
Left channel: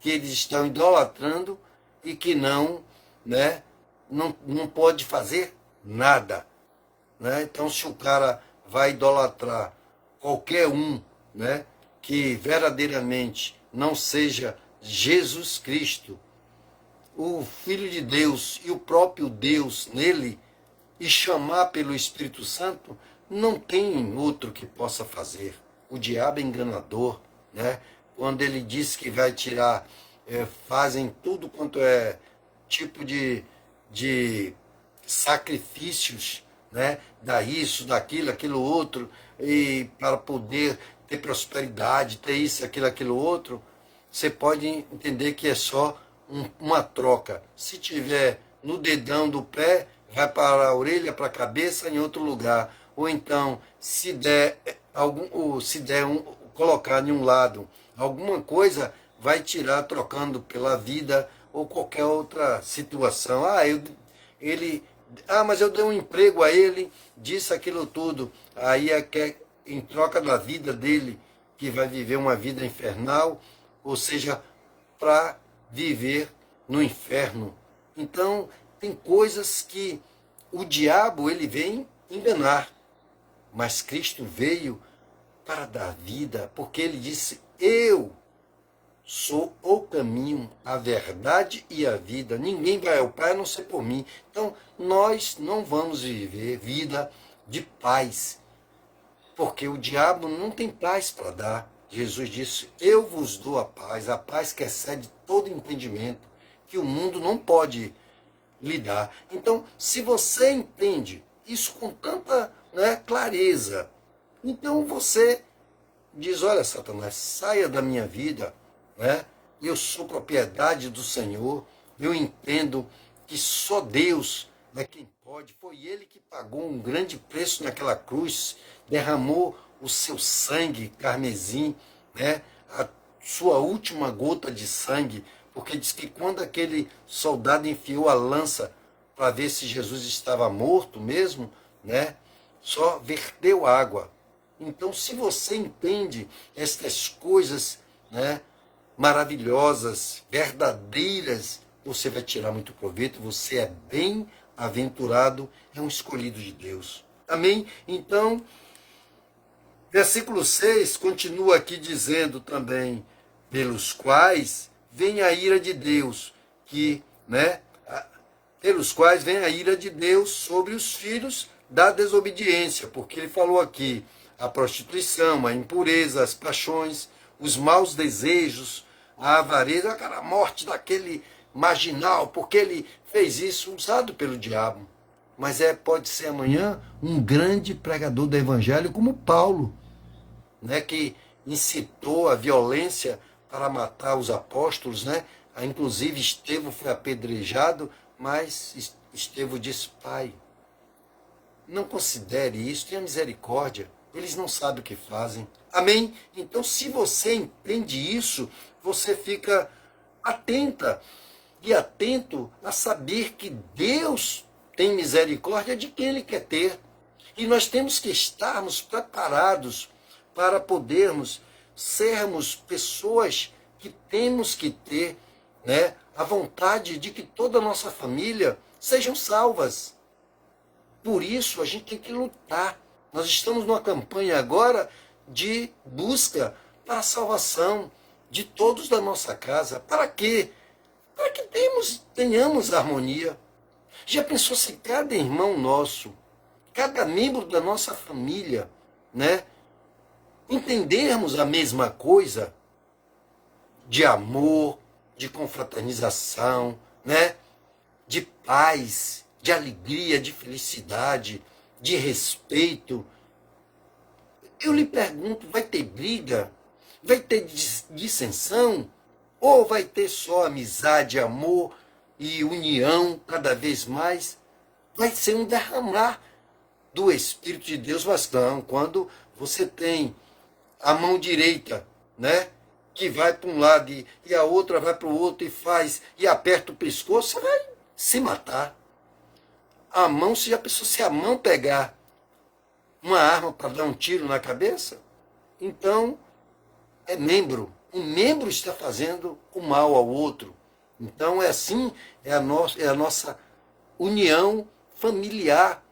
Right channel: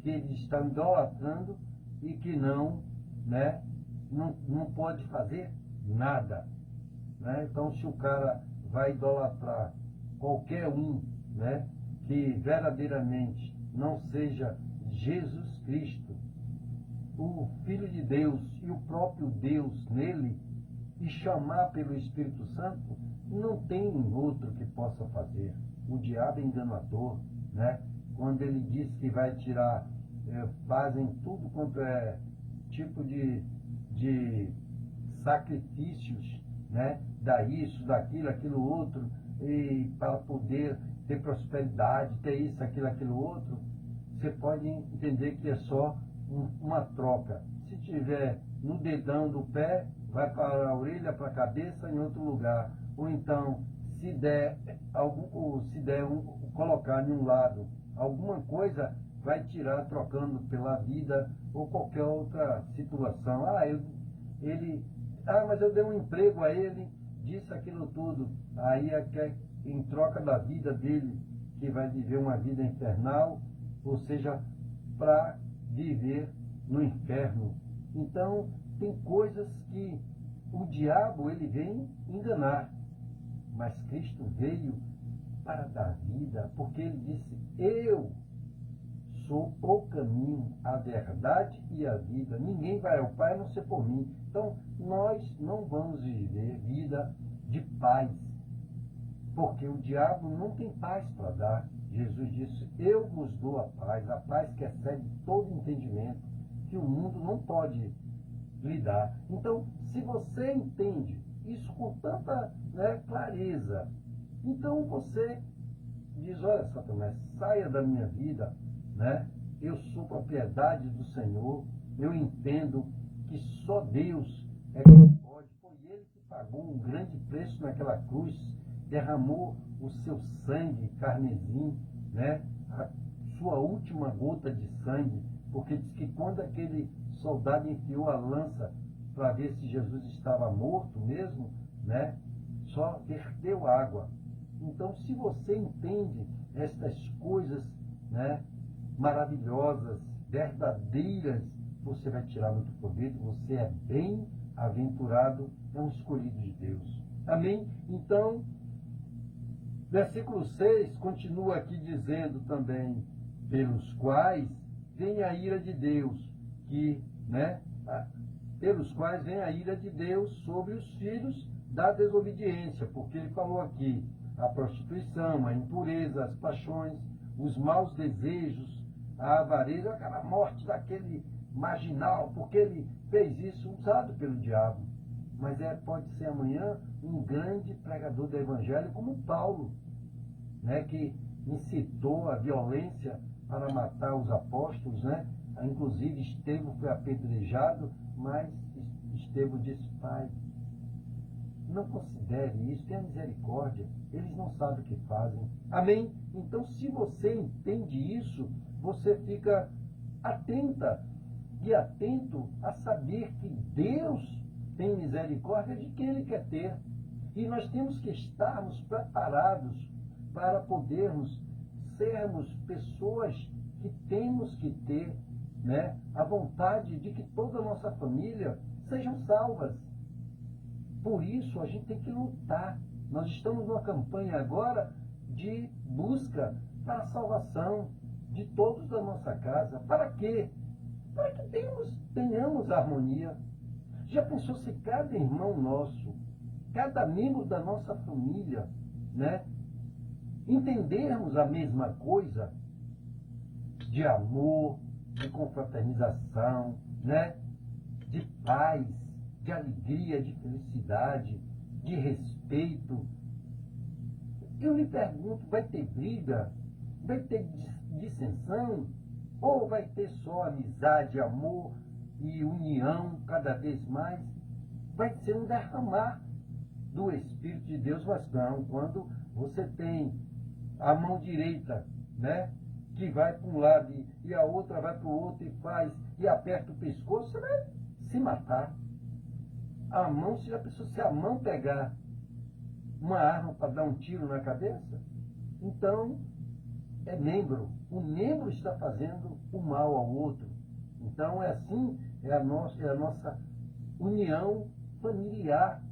que eles estão idolatrando e que né, não pode fazer nada, né? Então, se o cara vai idolatrar qualquer um, né, que verdadeiramente não seja Jesus Cristo, o Filho de Deus e o próprio Deus nele, e chamar pelo Espírito Santo, não tem outro que possa fazer. O diabo é enganador, né? Quando ele diz que vai tirar, fazem tudo quanto é tipo de sacrifícios, né? Dá isso, daquilo, aquilo outro, e para poder ter prosperidade, ter isso, aquilo outro, você pode entender que é só uma troca. Se tiver no dedão do pé, vai para a orelha, para a cabeça, em outro lugar. Ou então, se der colocar em um lado alguma coisa, vai tirar trocando pela vida ou qualquer outra situação. Mas eu dei um emprego a ele, disse aquilo tudo. Aí em troca da vida dele, que vai viver uma vida infernal, ou seja, para viver no inferno. Então, tem coisas que o diabo ele vem enganar, mas Cristo veio para dar vida, porque ele disse: eu sou o caminho, a verdade e a vida. Ninguém vai ao Pai a não ser por mim. Então, nós não vamos viver vida de paz, porque o diabo não tem paz para dar. Jesus disse: eu vos dou a paz que excede todo entendimento, que o mundo não pode lhe dar. Então, se você entende isso com tanta, né, clareza, então você diz: olha, Satanás, saia da minha vida, né? Eu sou propriedade do Senhor, eu entendo que só Deus é quem pode. Foi Ele que pagou um grande preço naquela cruz, derramou o seu sangue carmesim, né? A sua última gota de sangue, porque diz que quando aquele soldado enfiou a lança para ver se Jesus estava morto mesmo, né? Só verteu água. Então, se você entende estas coisas, né, maravilhosas, verdadeiras, você vai tirar muito proveito, você é bem-aventurado, é um escolhido de Deus. Amém? Então, versículo 6 continua aqui dizendo também: pelos quais vem a ira de Deus, pelos quais vem a ira de Deus sobre os filhos da desobediência, porque ele falou aqui a prostituição, a impureza, as paixões, os maus desejos, a avareza, a morte daquele marginal, porque ele fez isso usado pelo diabo. Mas pode ser amanhã um grande pregador do evangelho como Paulo, né, que incitou a violência para matar os apóstolos, né? Inclusive Estevão foi apedrejado, mas Estevão disse: pai, não considere isso, tenha misericórdia, eles não sabem o que fazem. Amém? Então, se você entende isso, você fica atenta e atento a saber que Deus tem misericórdia de quem Ele quer ter. E nós temos que estarmos preparados para podermos sermos pessoas que temos que ter, né, a vontade de que toda a nossa família sejam salvas. Por isso, a gente tem que lutar. Nós estamos numa campanha agora de busca para a salvação de todos da nossa casa. Para quê? Para que tenhamos harmonia. Já pensou se cada irmão nosso, cada membro da nossa família, né, entendermos a mesma coisa de amor, de confraternização, né, de paz, de alegria, de felicidade, de respeito? Eu lhe pergunto, vai ter briga? Vai ter dissensão? Ou vai ter só amizade, amor e união cada vez mais? Vai ser um derramar do Espírito de Deus bastante. Quando você tem a mão direita, né, que vai para um lado e a outra vai para o outro e aperta o pescoço, você vai se matar. A mão, se a mão pegar uma arma para dar um tiro na cabeça? Então, é membro. Um membro está fazendo o mal ao outro. Então, é assim, é a nossa união familiar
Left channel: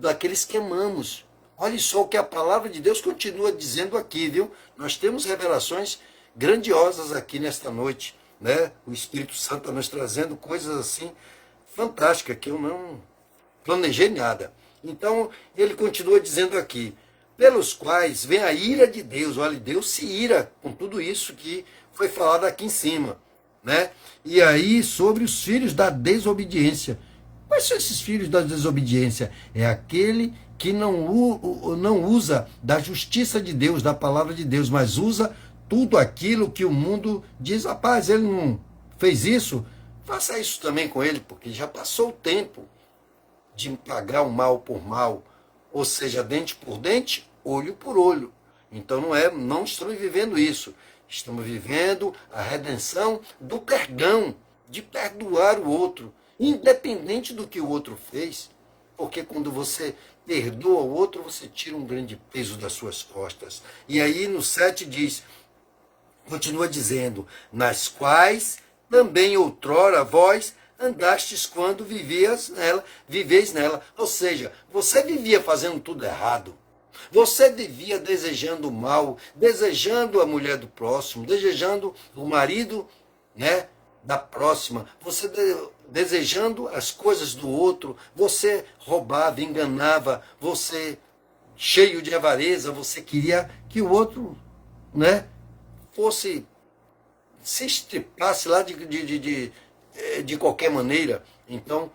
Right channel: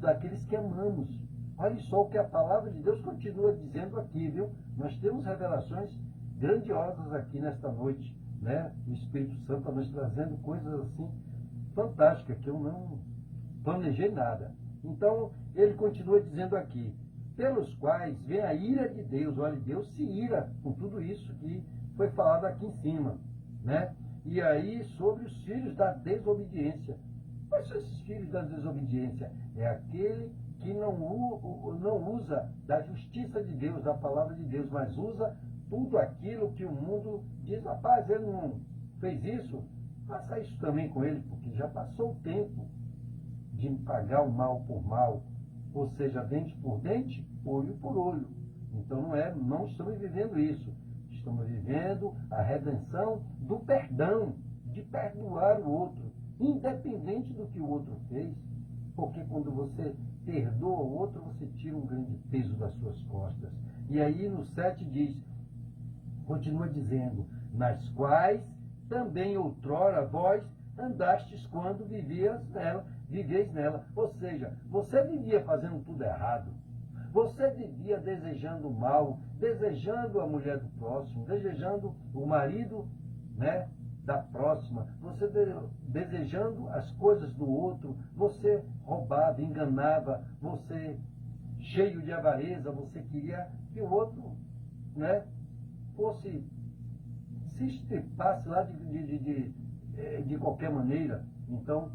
daqueles que amamos. Olha só o que a palavra de Deus continua dizendo aqui, viu? Nós temos revelações grandiosas aqui nesta noite, né? O Espírito Santo está nos trazendo coisas assim fantásticas que eu não planejei nada. Então, ele continua dizendo aqui, pelos quais vem a ira de Deus. Olha, Deus se ira com tudo isso que foi falado aqui em cima, né? E aí, sobre os filhos da desobediência. Quais são esses filhos da desobediência? É aquele que não usa da justiça de Deus, da palavra de Deus, mas usa tudo aquilo que o mundo diz, rapaz, ele não fez isso, faça isso também com ele, porque já passou o tempo de pagar o mal por mal, ou seja, dente por dente, olho por olho. Então não estamos vivendo isso, estamos vivendo a redenção do perdão, de perdoar o outro, independente do que o outro fez, porque quando você perdoa o outro, você tira um grande peso das suas costas. E aí no 7 diz, continua dizendo, nas quais também outrora vós andastes quando viveis nela. Ou seja, você vivia fazendo tudo errado. Você vivia desejando o mal, desejando a mulher do próximo, desejando o marido, né, da próxima, você desejando as coisas do outro, você roubava, enganava, você cheio de avareza, você queria que o outro, né, se estripasse lá de qualquer maneira. Então,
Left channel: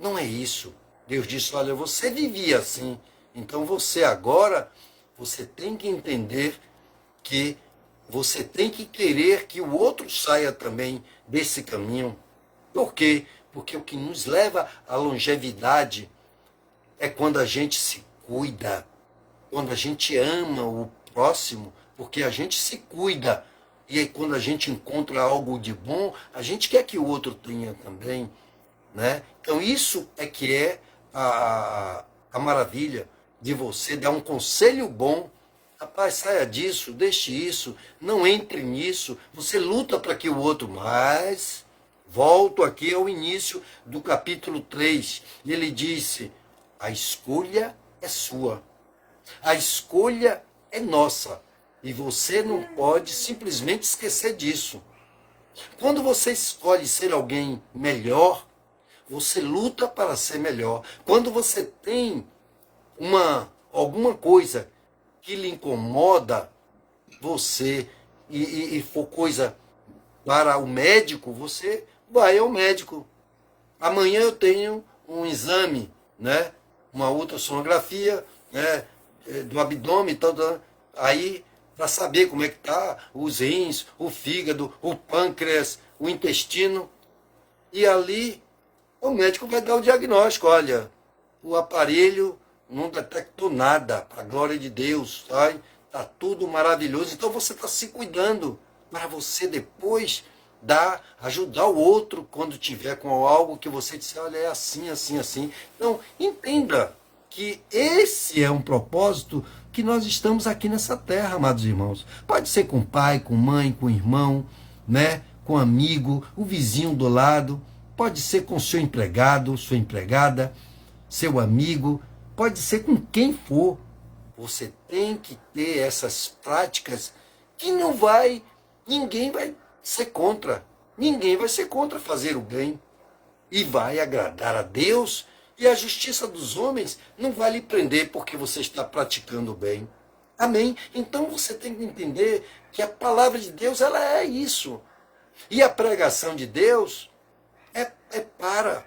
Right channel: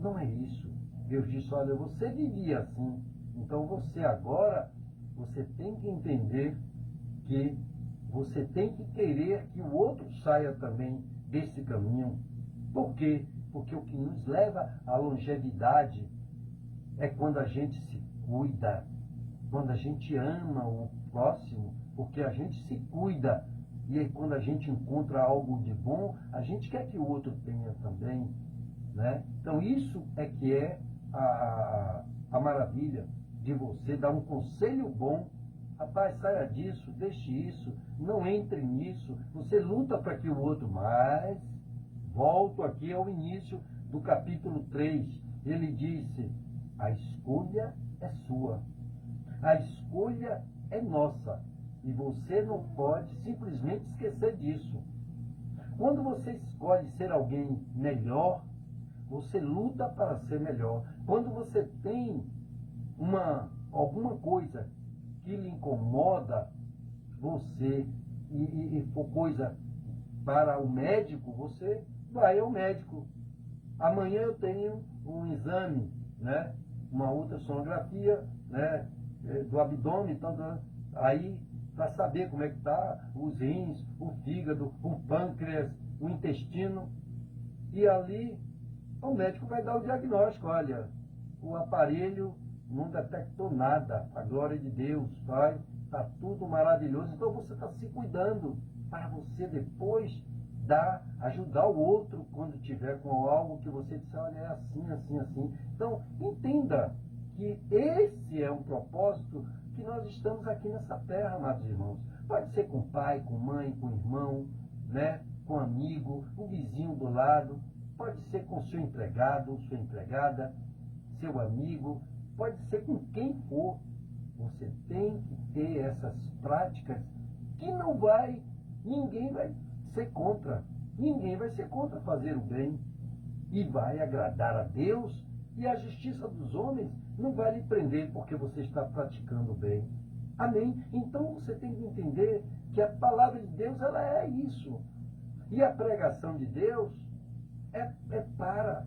não é isso. Deus disse, olha, você vivia assim, então você agora, você tem que entender que você tem que querer que o outro saia também desse caminho. Por quê? Porque o que nos leva à longevidade é quando a gente se cuida, quando a gente ama o próximo, porque a gente se cuida. E aí quando a gente encontra algo de bom, a gente quer que o outro tenha também, né? Então isso é que é a maravilha de você dar um conselho bom. Rapaz, saia disso, deixe isso, não entre nisso. Você luta para que o outro... Mas, volto aqui ao início do capítulo 3. Ele disse, a escolha é sua. A escolha é nossa. E você não pode simplesmente esquecer disso. Quando você escolhe ser alguém melhor, você luta para ser melhor. Quando você tem alguma coisa que lhe incomoda você e for coisa para o médico, você vai ao médico. Amanhã eu tenho um exame, né? Uma ultrassonografia, né? Do abdômen e tal, aí para saber como é que tá os rins, o fígado, o pâncreas, o intestino. E ali o médico vai dar o diagnóstico, olha, o aparelho não detectou nada, para a glória de Deus, está tudo maravilhoso. Então você está se cuidando para você depois ajudar o outro quando tiver com algo que você disser, olha, é assim, assim, assim. Então entenda que esse é um propósito que nós estamos aqui nessa terra, amados irmãos. Pode ser com pai, com mãe, com irmão, né, com amigo, o vizinho do lado, pode ser com seu empregado, sua empregada, seu amigo, pode ser com quem for. Você tem que ter essas práticas que ninguém vai ser contra. Ninguém vai ser contra fazer o bem. E vai agradar a Deus, e a justiça dos homens não vai lhe prender porque você está praticando o bem. Amém? Então você tem que entender que a palavra de Deus, ela é isso. E a pregação de Deus é para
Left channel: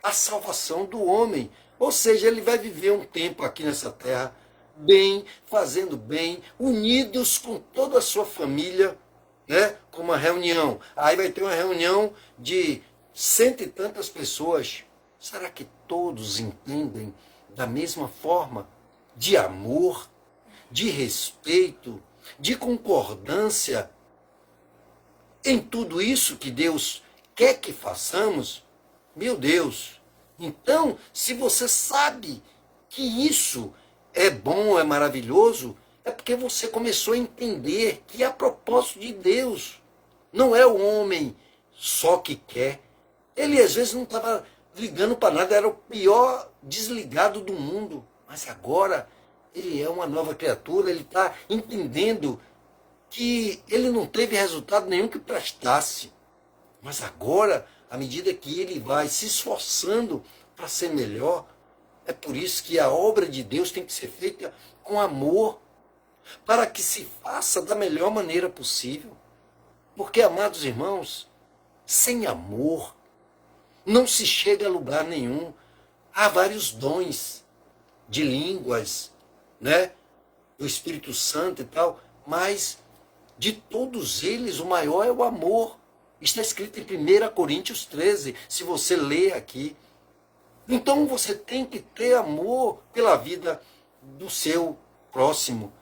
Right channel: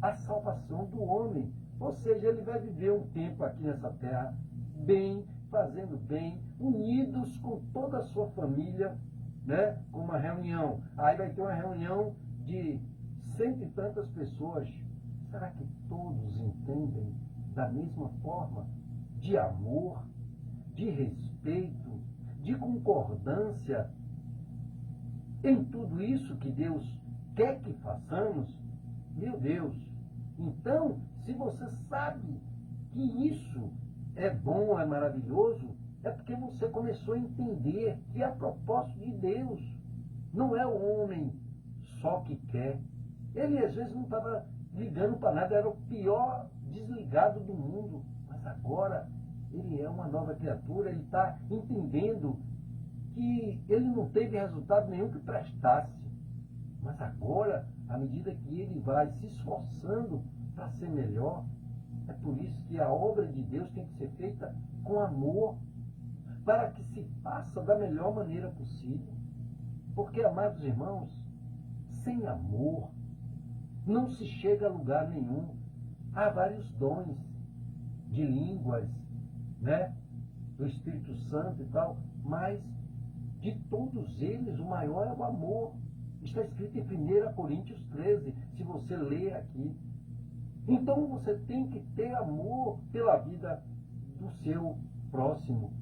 a salvação do homem. Ou seja, ele vai viver um tempo aqui nessa terra, bem, fazendo bem, unidos com toda a sua família, né? Com uma reunião. Aí vai ter uma reunião de 100 e tantas pessoas. Será que todos entendem da mesma forma? De amor, de respeito, de concordância em tudo isso que Deus quer que façamos? Meu Deus! Então, se você sabe que isso é bom, é maravilhoso, é porque você começou a entender que é a propósito de Deus. Não é o homem só que quer. Ele às vezes não estava ligando para nada, era o pior desligado do mundo. Mas agora ele é uma nova criatura, ele está entendendo que ele não teve resultado nenhum que prestasse. Mas agora, à medida que ele vai se esforçando para ser melhor, é por isso que a obra de Deus tem que ser feita com amor, para que se faça da melhor maneira possível. Porque, amados irmãos, sem amor não se chega a lugar nenhum. Há vários dons de línguas, né, do Espírito Santo e tal, mas de todos eles o maior é o amor. Está escrito em 1 Coríntios 13, se você ler aqui. Então você tem que ter amor pela vida do seu próximo.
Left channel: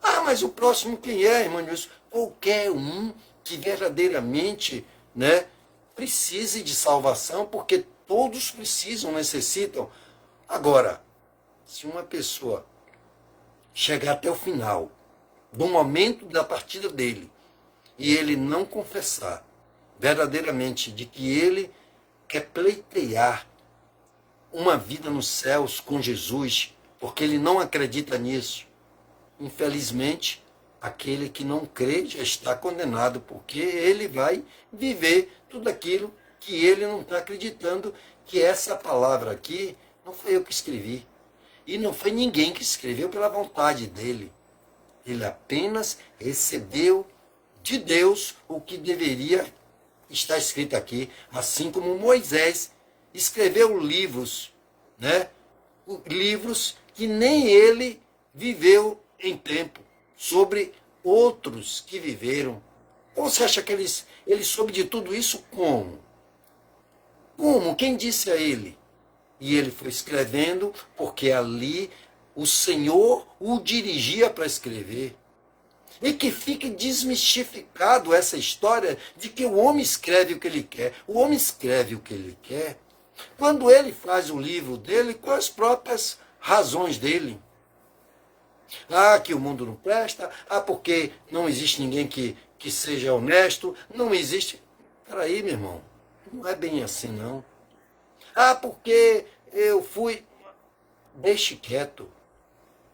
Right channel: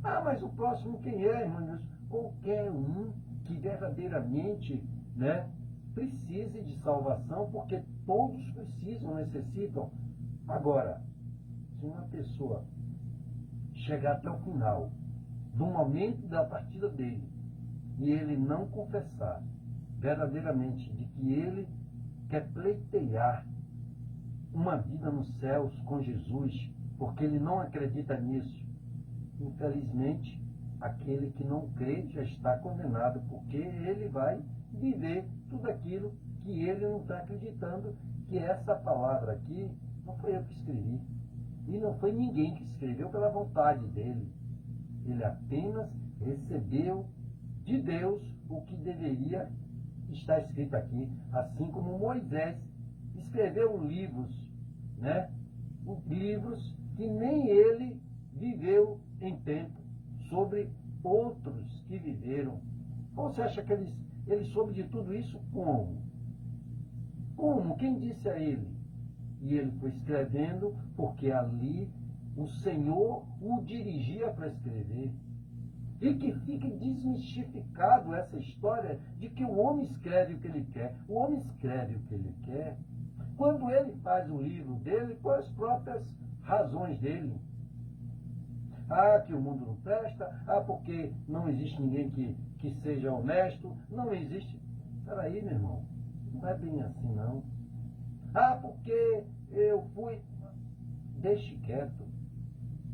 Ah, mas o próximo quem é, irmão Nilson? Qualquer um que verdadeiramente, né, precise de salvação, porque todos precisam, necessitam. Agora, se uma pessoa chegar até o final, do momento da partida dele, e ele não confessar verdadeiramente de que ele quer pleitear uma vida nos céus com Jesus, porque ele não acredita nisso, infelizmente, aquele que não crê já está condenado, porque ele vai viver tudo aquilo que ele não está acreditando, que essa palavra aqui não foi eu que escrevi. E não foi ninguém que escreveu pela vontade dele. Ele apenas recebeu de Deus o que deveria estar escrito aqui, assim como Moisés escreveu livros, né? Livros que nem ele viveu em tempo, sobre outros que viveram. Você acha que ele soube de tudo isso como? Como? Quem disse a ele? E ele foi escrevendo porque ali o Senhor o dirigia para escrever. E que fique desmistificado essa história de que o homem escreve o que ele quer. O homem escreve o que ele quer quando ele faz o livro dele com as próprias razões dele. Ah, que o mundo não presta. Ah, porque não existe ninguém que seja honesto. Não existe. Peraí, meu irmão. Não é bem assim, não. Ah, porque eu fui... Deixe quieto.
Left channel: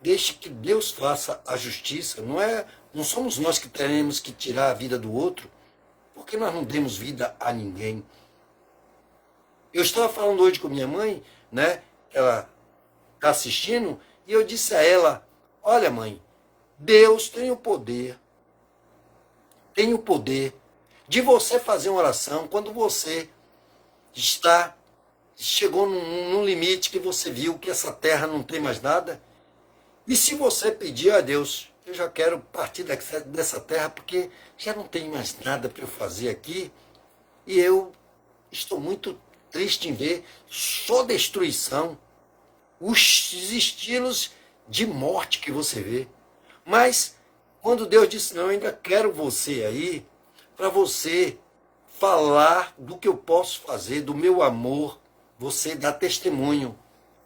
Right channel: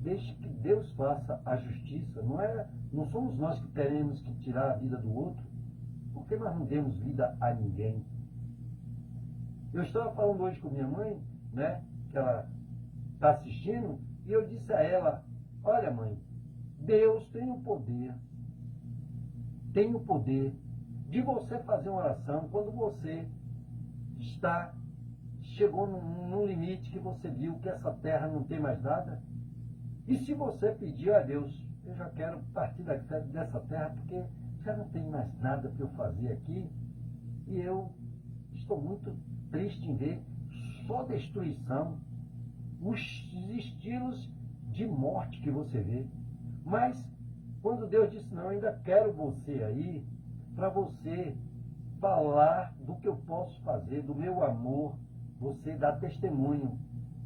Deixe que Deus faça a justiça. Não somos nós que teremos que tirar a vida do outro, porque nós não demos vida a ninguém. Eu estava falando hoje com minha mãe, né? Que ela está assistindo, e eu disse a ela: olha, mãe, Deus tem o poder de você fazer uma oração quando você chegou num limite que você viu que essa terra não tem mais nada. E se você pedir a Deus, eu já quero partir dessa terra porque já não tem mais nada para eu fazer aqui, e eu estou muito triste em ver só destruição, os estilos de morte que você vê. Mas quando Deus disse: não, eu ainda quero você aí, para você falar do que eu posso fazer, do meu amor, você dá testemunho.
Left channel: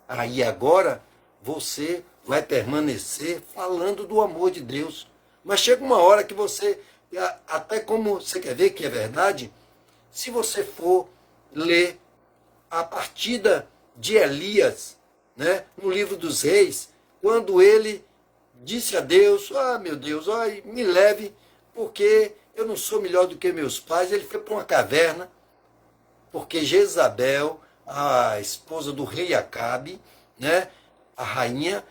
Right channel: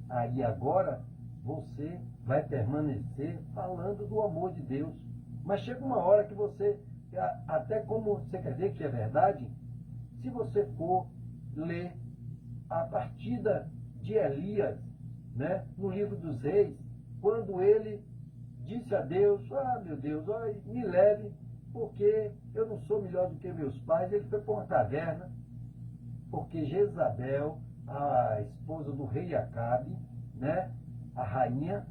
Aí agora você vai permanecer falando do amor de Deus. Mas chega uma hora que você, até como você quer ver que é verdade, se você for ler a partida de Elias, né, no livro dos Reis, quando ele disse a Deus: ah, meu Deus, ai, me leve, porque eu não sou melhor do que meus pais. Ele foi para uma caverna, porque Jezabel, a esposa do rei Acabe, né, a rainha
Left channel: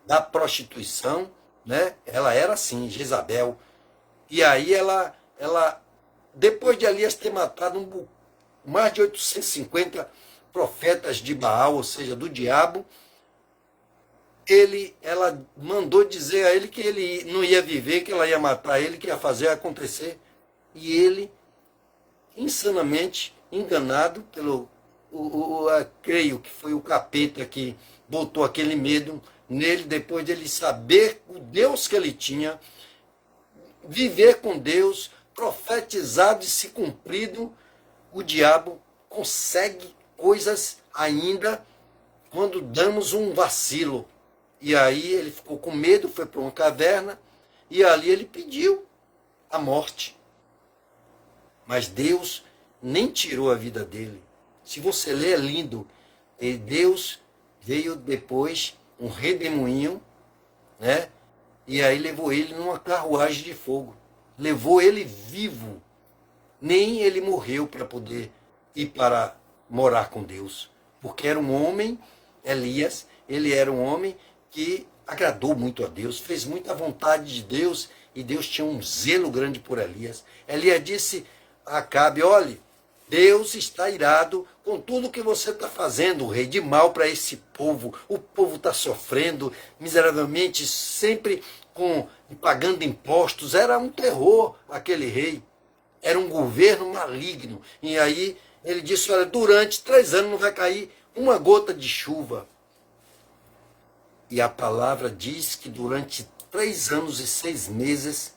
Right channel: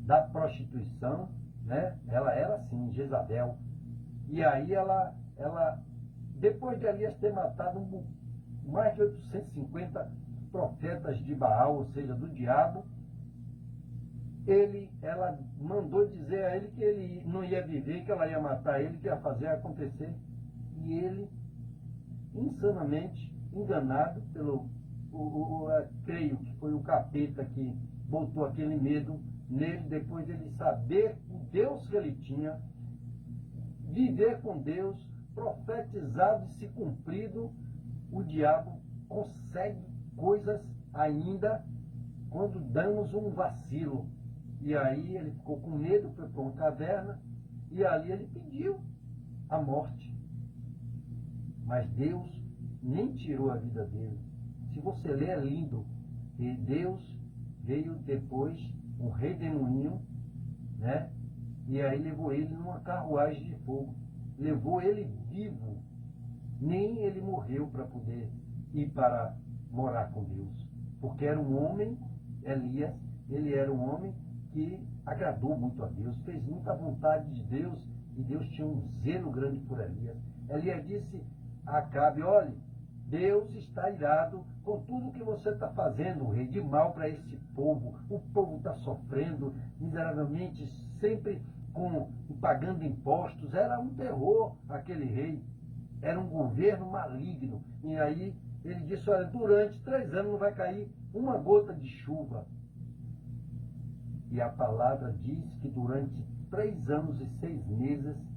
da prostituição, né, ela era assim, Jezabel. E aí ela depois de Elias ter matado mais de 850 profetas de Baal, ou seja, do diabo, ela mandou dizer a ele que ele não ia viver, que ela ia matar ele, que ia fazer acontecer. E ele, insanamente enganado pelo, creio que foi o capeta que botou aquele medo nele, depois dele saber o Deus que ele tinha, viver com Deus, profetizado e se cumprido, o diabo consegue coisas ainda quando damos um vacilo. E aí ele ficou com medo, foi para uma caverna, e ali ele pediu a morte. Mas Deus nem tirou a vida dele. Se você ler, é lindo. E Deus veio depois, um redemoinho, né? E aí levou ele numa carruagem de fogo. Levou ele vivo. Nem ele morreu para poder ir para morar com Deus. Porque era um homem, Elias, ele era um homem que agradou muito a Deus, fez muita vontade de Deus, e Deus tinha um zelo grande por Elias. Elias disse a Acabe: olhe, Deus está irado com tudo que você está fazendo, rei, de mal para esse povo. O povo está sofrendo miseravelmente, sempre pagando impostos. Era um terror aquele rei. Era um governo maligno. E aí ele disse: olha, durante 3 anos não vai cair uma gota de chuva. E a palavra diz que durante 3 anos e 6 meses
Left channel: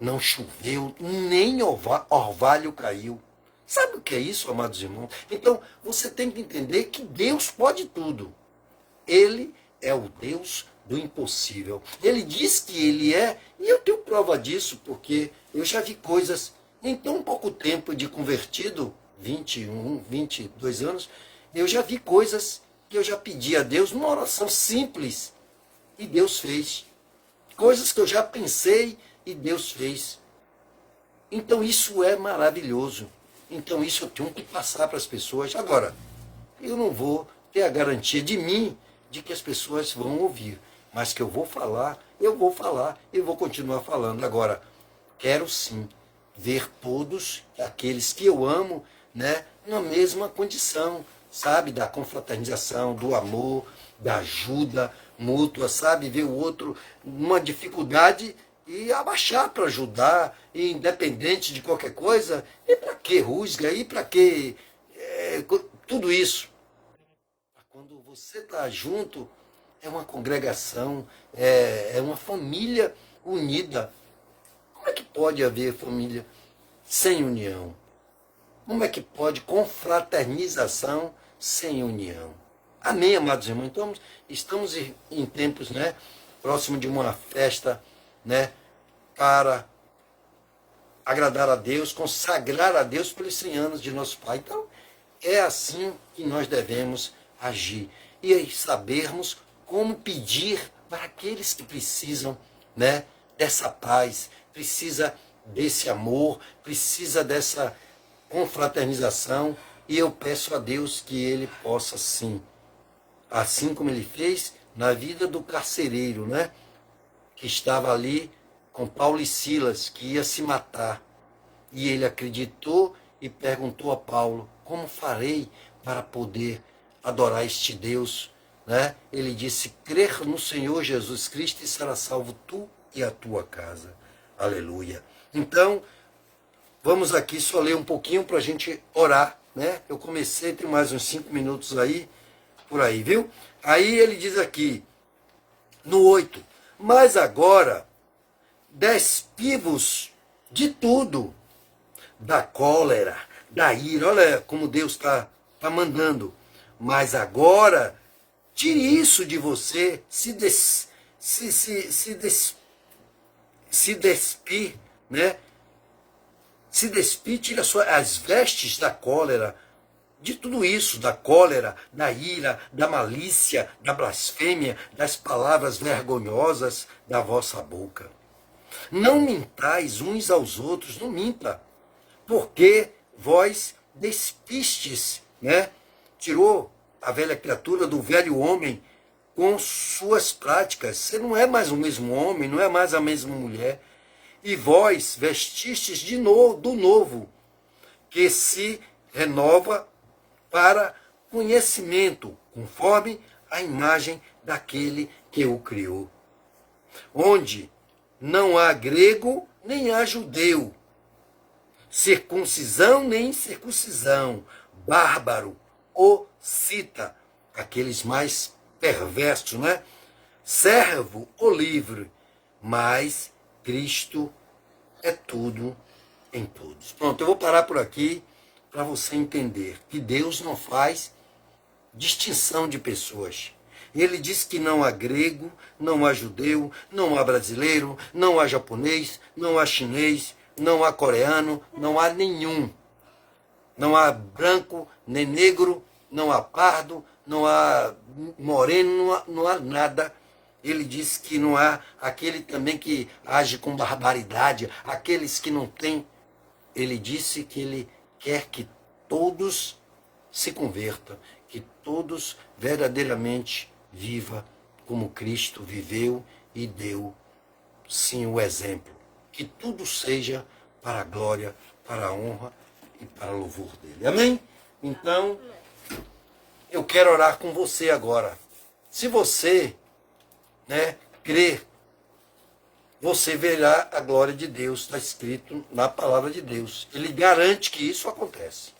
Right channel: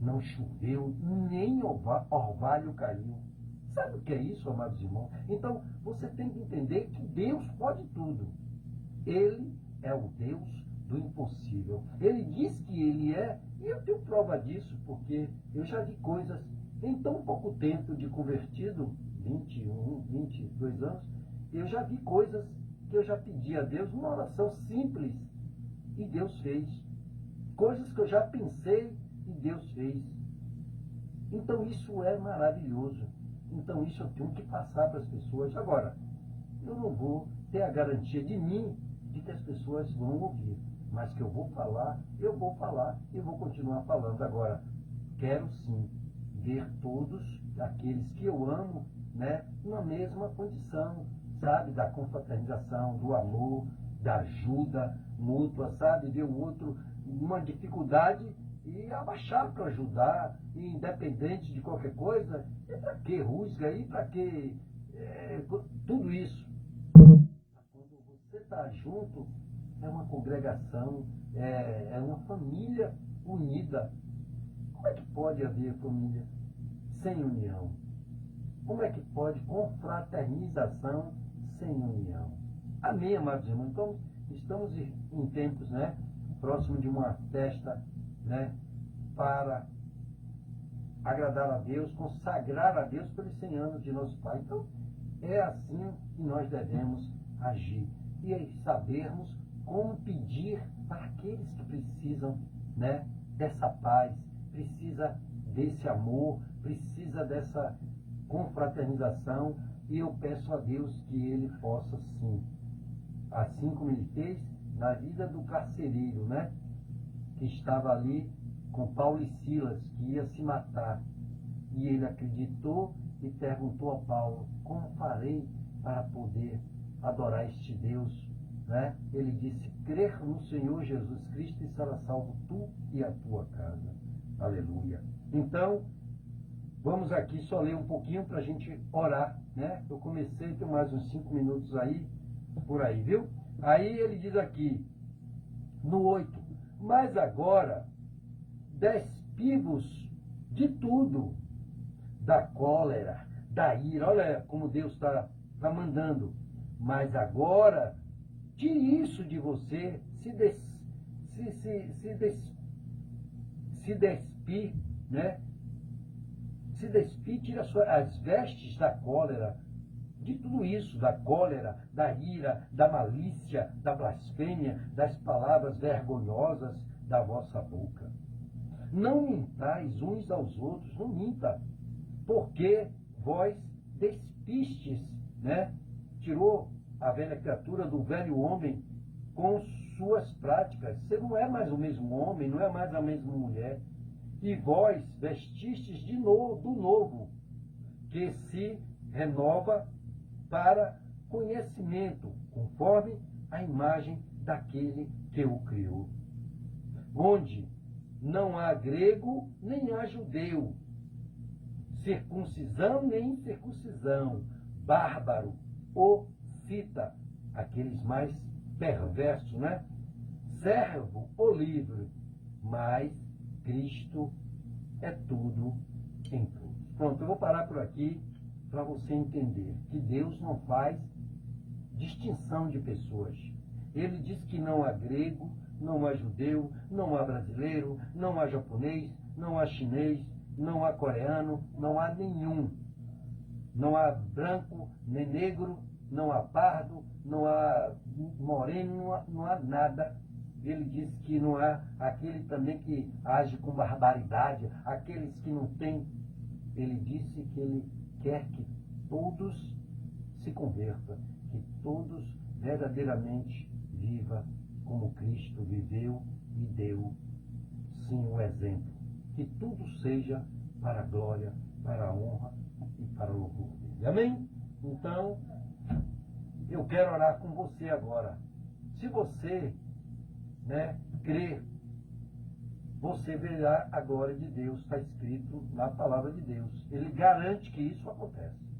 não choveu, nem orvalho caiu. Sabe o que é isso, amados irmãos? Então, você tem que entender que Deus pode tudo. Ele é o Deus do impossível. Ele diz que ele é, e eu tenho prova disso, porque eu já vi coisas em tão pouco tempo de convertido, 21, 22 anos, eu já vi coisas que eu já pedi a Deus numa oração simples, e Deus fez. Coisas que eu já pensei e Deus fez. Então isso é maravilhoso. Então isso eu tenho que passar para as pessoas. Agora, eu não vou ter a garantia de mim de que as pessoas vão ouvir, mas que eu vou falar e vou continuar falando. Agora, quero sim ver todos aqueles que eu amo, né, na mesma condição, sabe, da confraternização, do amor, da ajuda mútua, sabe, ver o outro numa dificuldade e abaixar para ajudar, e independente de qualquer coisa. E para que rusga? E para que tudo isso? Quando você está junto, é uma congregação, é uma família unida. Como é que pode haver família sem união? Como é que pode confraternização sem união? Amém, amados irmãos? Então, estamos em tempos, né, próximo de uma festa, né, para agradar a Deus, consagrar a Deus pelos 100 anos de nosso Pai. Então, é assim que nós devemos agir. E sabermos como pedir para aqueles que precisam, né, dessa paz, precisa desse amor, precisa dessa confraternização. E eu peço a Deus que Ele possa, sim, assim como Ele fez na vida do carcereiro, né, que estava ali com Paulo e Silas, que ia se matar. E ele acreditou e perguntou a Paulo: como farei para poder adorar este Deus? Né? Ele disse: crer no Senhor Jesus Cristo e será salvo tu e a tua casa. Aleluia. Então, vamos aqui só ler um pouquinho para a gente orar. Né? Eu comecei, tem mais uns 5 minutos aí, por aí, viu? Aí ele diz aqui, no 8, mas agora despi-vos de tudo, da cólera, da ira. Olha como Deus está mandando. Mas agora, tire isso de você, se despir, né? Se despir, tira as vestes da cólera, de tudo isso, da cólera, da ira, da malícia, da blasfêmia, das palavras vergonhosas da vossa boca. Não mintais uns aos outros, não minta, porque vós despistes, né? Tirou a velha criatura do velho homem com suas práticas. Você não é mais o mesmo homem, não é mais a mesma mulher. E vós vestistes de novo, do novo, que se renova para conhecimento, conforme a imagem daquele que o criou. Onde não há grego, nem há judeu, circuncisão, nem incircuncisão, bárbaro ou cita, aqueles mais perversos, né? Servo ou livre, mas Cristo é tudo em todos. Pronto, eu vou parar por aqui para você entender que Deus não faz distinção de pessoas. Ele diz que não há grego, não há judeu, não há brasileiro, não há japonês, não há chinês, não há coreano, não há nenhum. Não há branco, nem negro, não há pardo, não há moreno, não há nada. Ele diz que não há aquele também que age com barbaridade, aqueles que não têm. Ele disse que ele quer que todos se convertam, que todos verdadeiramente viva como Cristo viveu e deu, sim, o exemplo. Que tudo seja para a glória, para a honra e para o louvor dele. Amém? Então, eu quero orar com você agora. Se você, crer, você verá a glória de Deus, está escrito na palavra de Deus. Ele garante que isso acontece.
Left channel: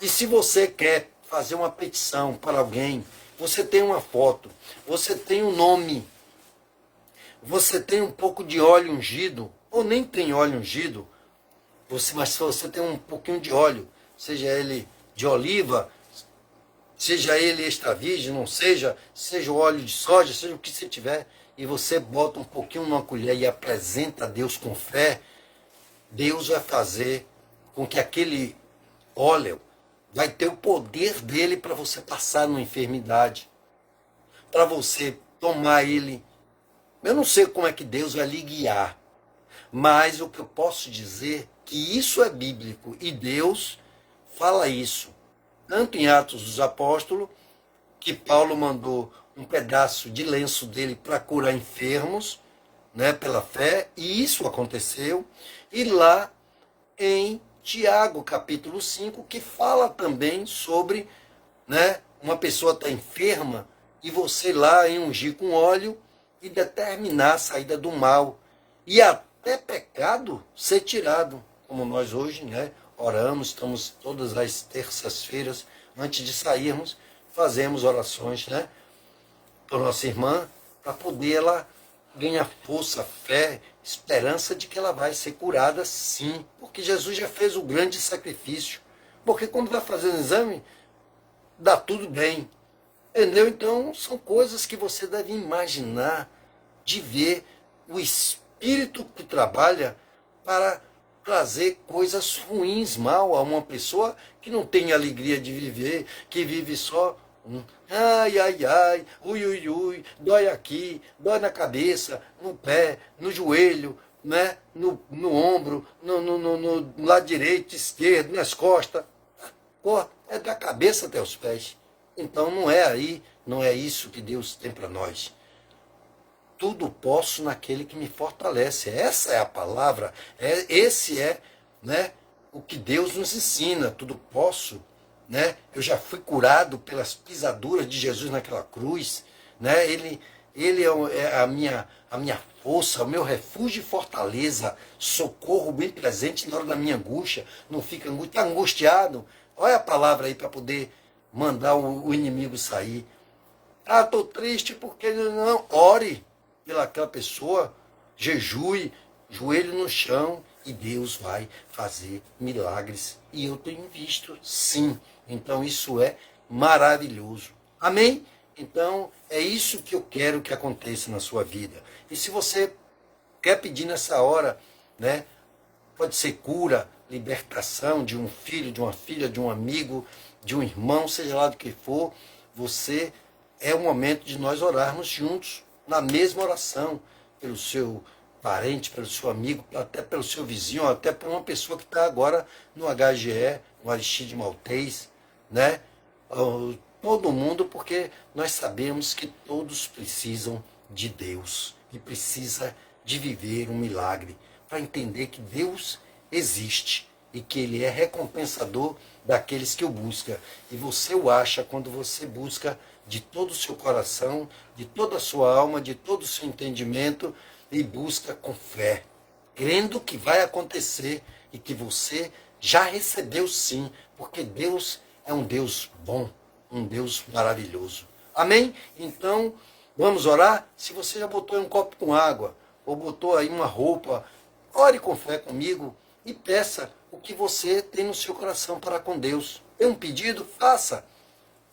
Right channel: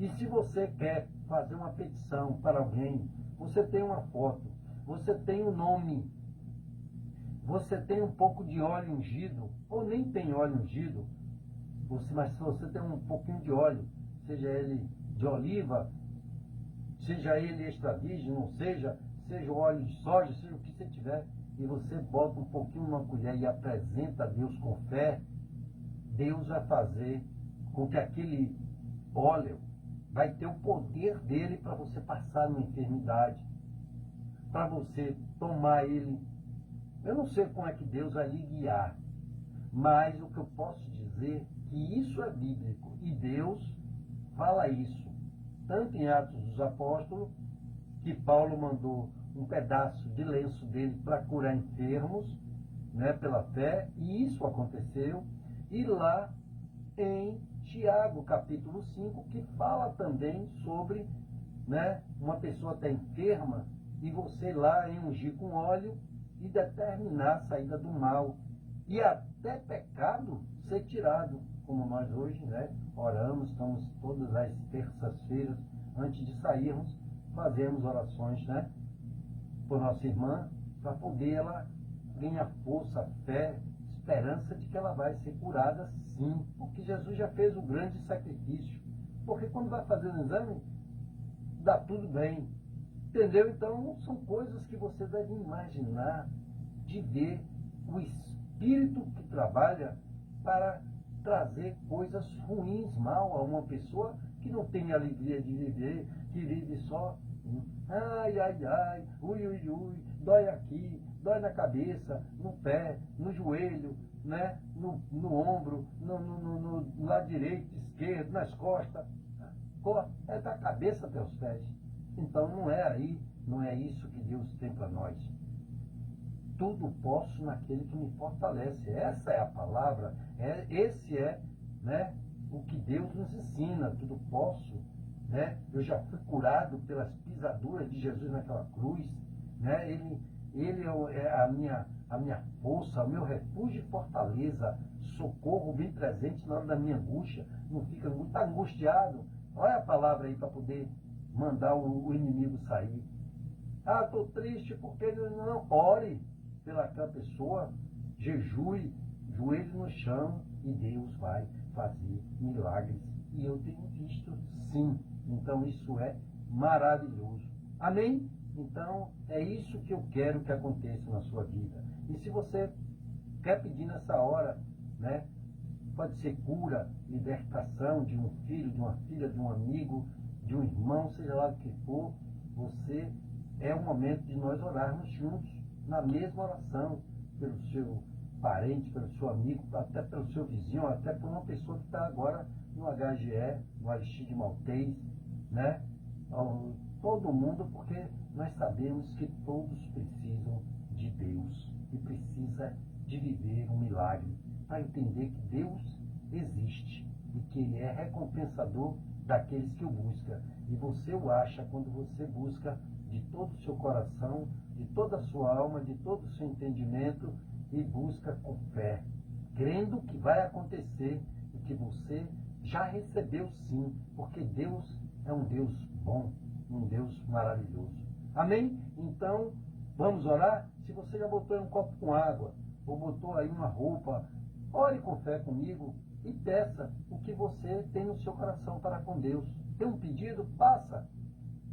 E se você quer fazer uma petição para alguém, você tem uma foto, você tem um nome, você tem um pouco de óleo ungido, ou nem tem óleo ungido, mas se você tem um pouquinho de óleo, seja ele de oliva, seja ele extra virgem, não seja o óleo de soja, seja o que você tiver, e você bota um pouquinho numa colher e apresenta a Deus com fé, Deus vai fazer com que aquele óleo vai ter o poder dele para você passar numa enfermidade, para você tomar ele. Eu não sei como é que Deus vai lhe guiar, mas o que eu posso dizer é que isso é bíblico e Deus fala isso. Tanto em Atos dos Apóstolos, que Paulo mandou um pedaço de lenço dele para curar enfermos, pela fé, e isso aconteceu. E lá em Tiago, capítulo 5, que fala também sobre, uma pessoa está enferma e você lá em ungir com óleo e determinar a saída do mal. E até pecado ser tirado, como nós hoje, oramos, estamos todas as terças-feiras, antes de sairmos, fazemos orações, para nossa irmã, para poder ela ganhar força, fé, esperança de que ela vai ser curada sim, porque Jesus já fez o grande sacrifício. Porque quando vai fazer o exame, dá tudo bem, entendeu? Então, são coisas que você deve imaginar, de ver o Espírito que trabalha para trazer coisas ruins, mal a uma pessoa que não tem alegria de viver, que vive só ai, ai, ai, ui, ui, ui, dói aqui, dói na cabeça, no pé, no joelho, no ombro, no lado direito, esquerdo, nas costas. É da cabeça até os pés. Então não é aí, não é isso que Deus tem para nós. Tudo posso naquele que me fortalece. Essa é a palavra, esse é, o que Deus nos ensina. Tudo posso, eu já fui curado pelas pisaduras de Jesus naquela cruz, ele é a minha força, o meu refúgio e fortaleza, socorro bem presente na hora da minha angústia. Não fica está angustiado, olha a palavra aí para poder mandar o inimigo sair. Ah, estou triste porque não, ore pelaquela pessoa, jejue, joelho no chão, e Deus vai fazer milagres. E eu tenho visto, sim. Então isso é maravilhoso. Amém? Então é isso que eu quero que aconteça na sua vida. E se você quer pedir nessa hora, pode ser cura, libertação de um filho, de uma filha, de um amigo, de um irmão, seja lá do que for, é o momento de nós orarmos juntos, na mesma oração, pelo seu parente, pelo seu amigo, até pelo seu vizinho, até por uma pessoa que está agora no HGE, no Aristide Maltês, todo mundo, porque nós sabemos que todos precisam de Deus e precisa de viver um milagre para entender que Deus existe e que Ele é recompensador daqueles que o buscam. E você o acha quando você busca de todo o seu coração, de toda a sua alma, de todo o seu entendimento, e busca com fé, crendo que vai acontecer e que você já recebeu sim, porque Deus é um Deus bom, um Deus maravilhoso. Amém? Então, vamos orar? Se você já botou em um copo com água, ou botou aí uma roupa, ore com fé comigo e peça o que você tem no seu coração para com Deus. Tem um pedido? Faça.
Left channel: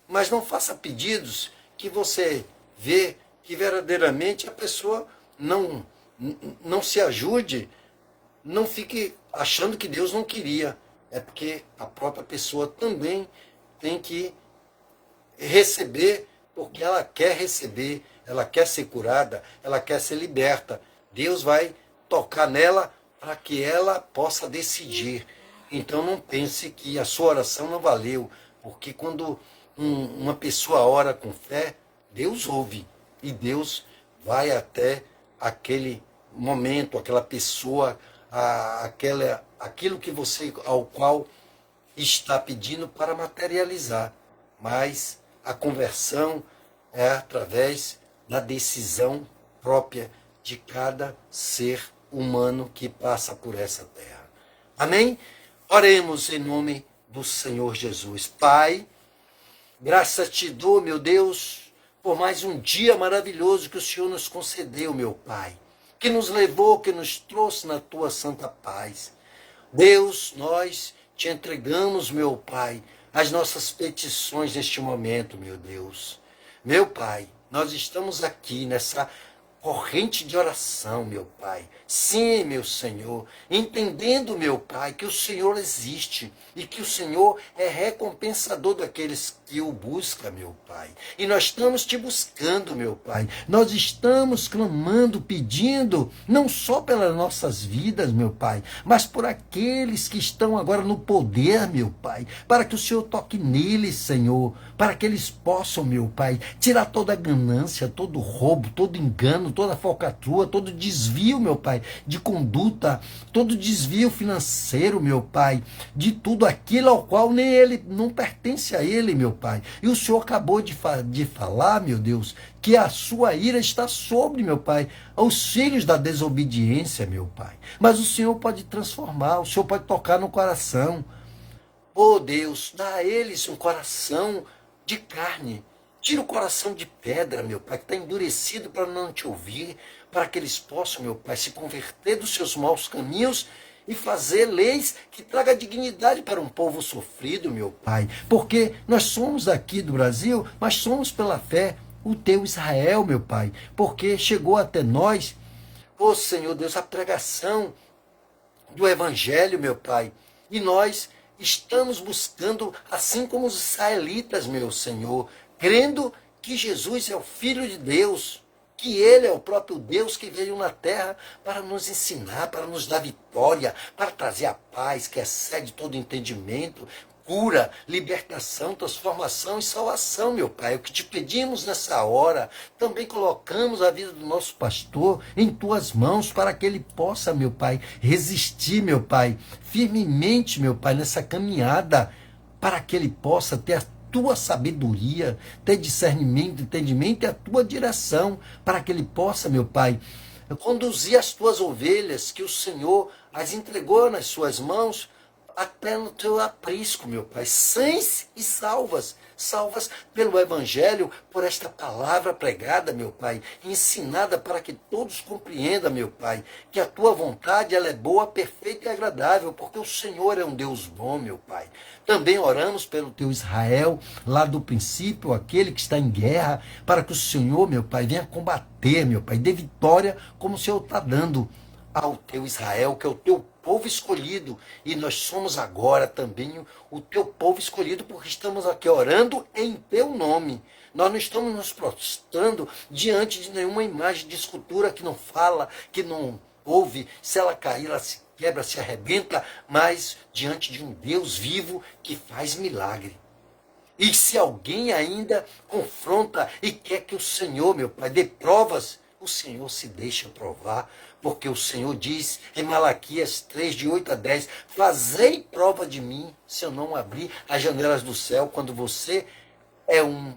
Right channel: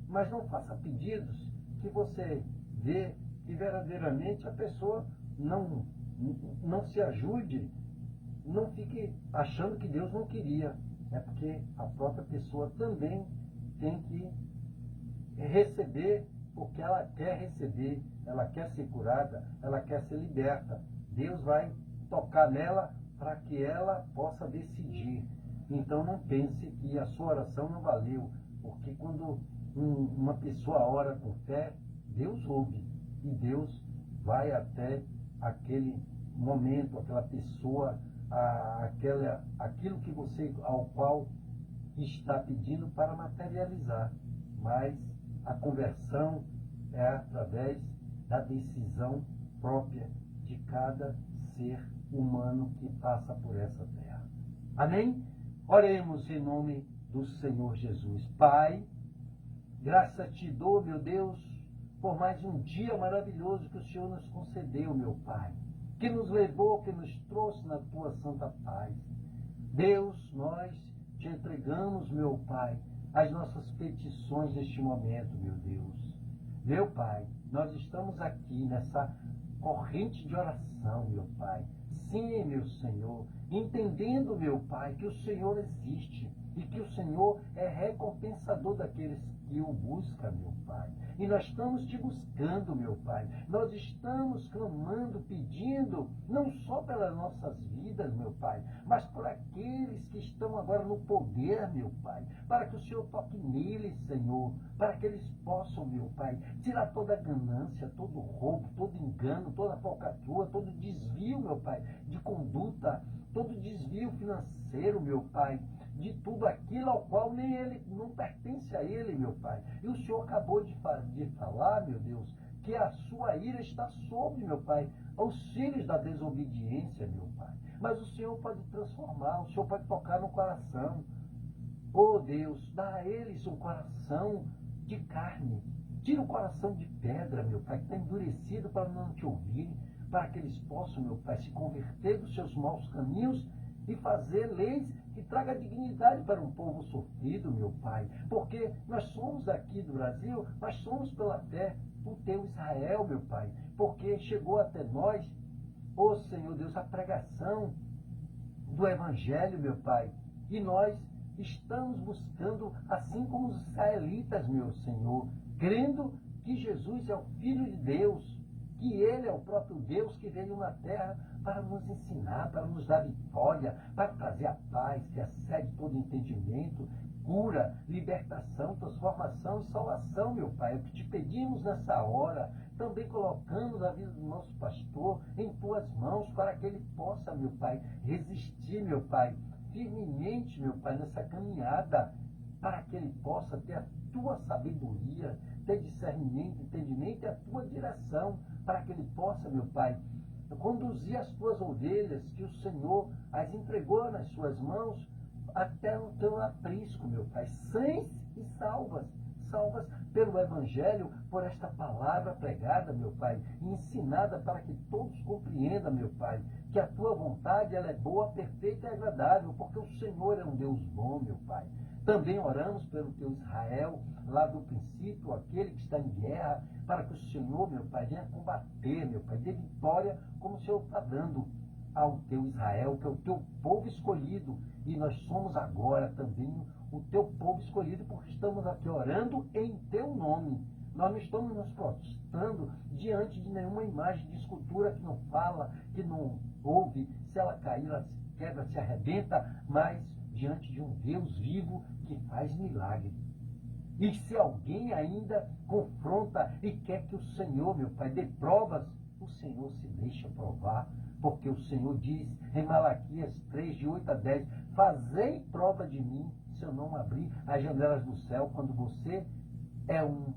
Mas não faça pedidos que você vê que verdadeiramente a pessoa não se ajude, não fique achando que Deus não queria. É porque a própria pessoa também tem que receber, porque ela quer receber, ela quer ser curada, ela quer ser liberta. Deus vai tocar nela para que ela possa decidir. Então não pense que a sua oração não valeu, porque quando uma pessoa ora com fé, Deus ouve e Deus vai até aquele momento, aquela pessoa, aquilo que você, ao qual está pedindo para materializar. Mas a conversão é através da decisão própria de cada ser humano que passa por essa terra. Amém? Oremos em nome do Senhor Jesus. Pai, graças te dou, meu Deus, por mais um dia maravilhoso que o Senhor nos concedeu, meu Pai, que nos levou, que nos trouxe na tua santa paz. Deus, nós te entregamos, meu Pai, as nossas petições neste momento, meu Deus. Meu Pai, nós estamos aqui nessa corrente de oração, meu Pai. Sim, meu Senhor, entendendo, meu Pai, que o Senhor existe e que o Senhor é recompensador daqueles que o buscam, meu Pai. E nós estamos te buscando, meu Pai. Nós estamos clamando, pedindo, não só pelas nossas vidas, meu Pai, mas por aqueles que estão agora no poder, meu Pai, para que o Senhor toque neles, Senhor, para que eles possam, meu Pai, tirar toda a ganância, todo roubo, todo engano, toda falcatrua, todo desvio, meu Pai, de conduta, todo desvio financeiro, meu Pai, de tudo aquilo ao qual nem ele, não pertence a ele, meu Pai. E o Senhor acabou de falar, meu Deus, que a sua ira está sobre, meu Pai, os filhos da desobediência, meu Pai. Mas o Senhor pode transformar, o Senhor pode tocar no coração. Oh Deus, dá a eles um coração de carne. Tira o coração de pedra, meu Pai, que está endurecido para não te ouvir, para que eles possam, meu Pai, se converter dos seus maus caminhos e fazer leis que tragam dignidade para um povo sofrido, meu Pai. Porque nós somos aqui do Brasil, mas somos pela fé o teu Israel, meu Pai. Porque chegou até nós, ó Senhor Deus, a pregação do Evangelho, meu Pai. E nós estamos buscando, assim como os israelitas, meu Senhor, crendo que Jesus é o Filho de Deus, que Ele é o próprio Deus que veio na terra para nos ensinar, para nos dar vitória, para trazer a paz que excede todo entendimento, cura, libertação, transformação e salvação, meu Pai. O que te pedimos nessa hora, também colocamos a vida do nosso pastor em tuas mãos para que ele possa, meu Pai, resistir, meu Pai, firmemente, meu Pai, nessa caminhada, para que ele possa ter a tua sabedoria, ter discernimento, entendimento e a tua direção, para que ele possa, meu Pai, conduzir as tuas ovelhas, que o Senhor as entregou nas suas mãos, até no teu aprisco, meu Pai, sãs e salvas pelo Evangelho, por esta palavra pregada, meu Pai, ensinada para que todos compreendam, meu Pai, que a tua vontade ela é boa, perfeita e agradável, porque o Senhor é um Deus bom, meu Pai. Também oramos pelo teu Israel, lá do princípio, aquele que está em guerra, para que o Senhor, meu Pai, venha combater, meu Pai, dê vitória, como o Senhor está dando ao teu Israel, que é o teu povo escolhido, e nós somos agora também o teu povo escolhido, porque estamos aqui orando em teu nome. Nós não estamos nos prostrando diante de nenhuma imagem de escultura que não fala, que não ouve, se ela cair, ela se quebra, se arrebenta, mas diante de um Deus vivo que faz milagre. E se alguém ainda confronta e quer que o Senhor, meu Pai, dê provas, o Senhor se deixa provar, porque o Senhor diz em Malaquias 3, de 8 a 10, fazei prova de mim, se eu não abrir as janelas do céu, quando você é um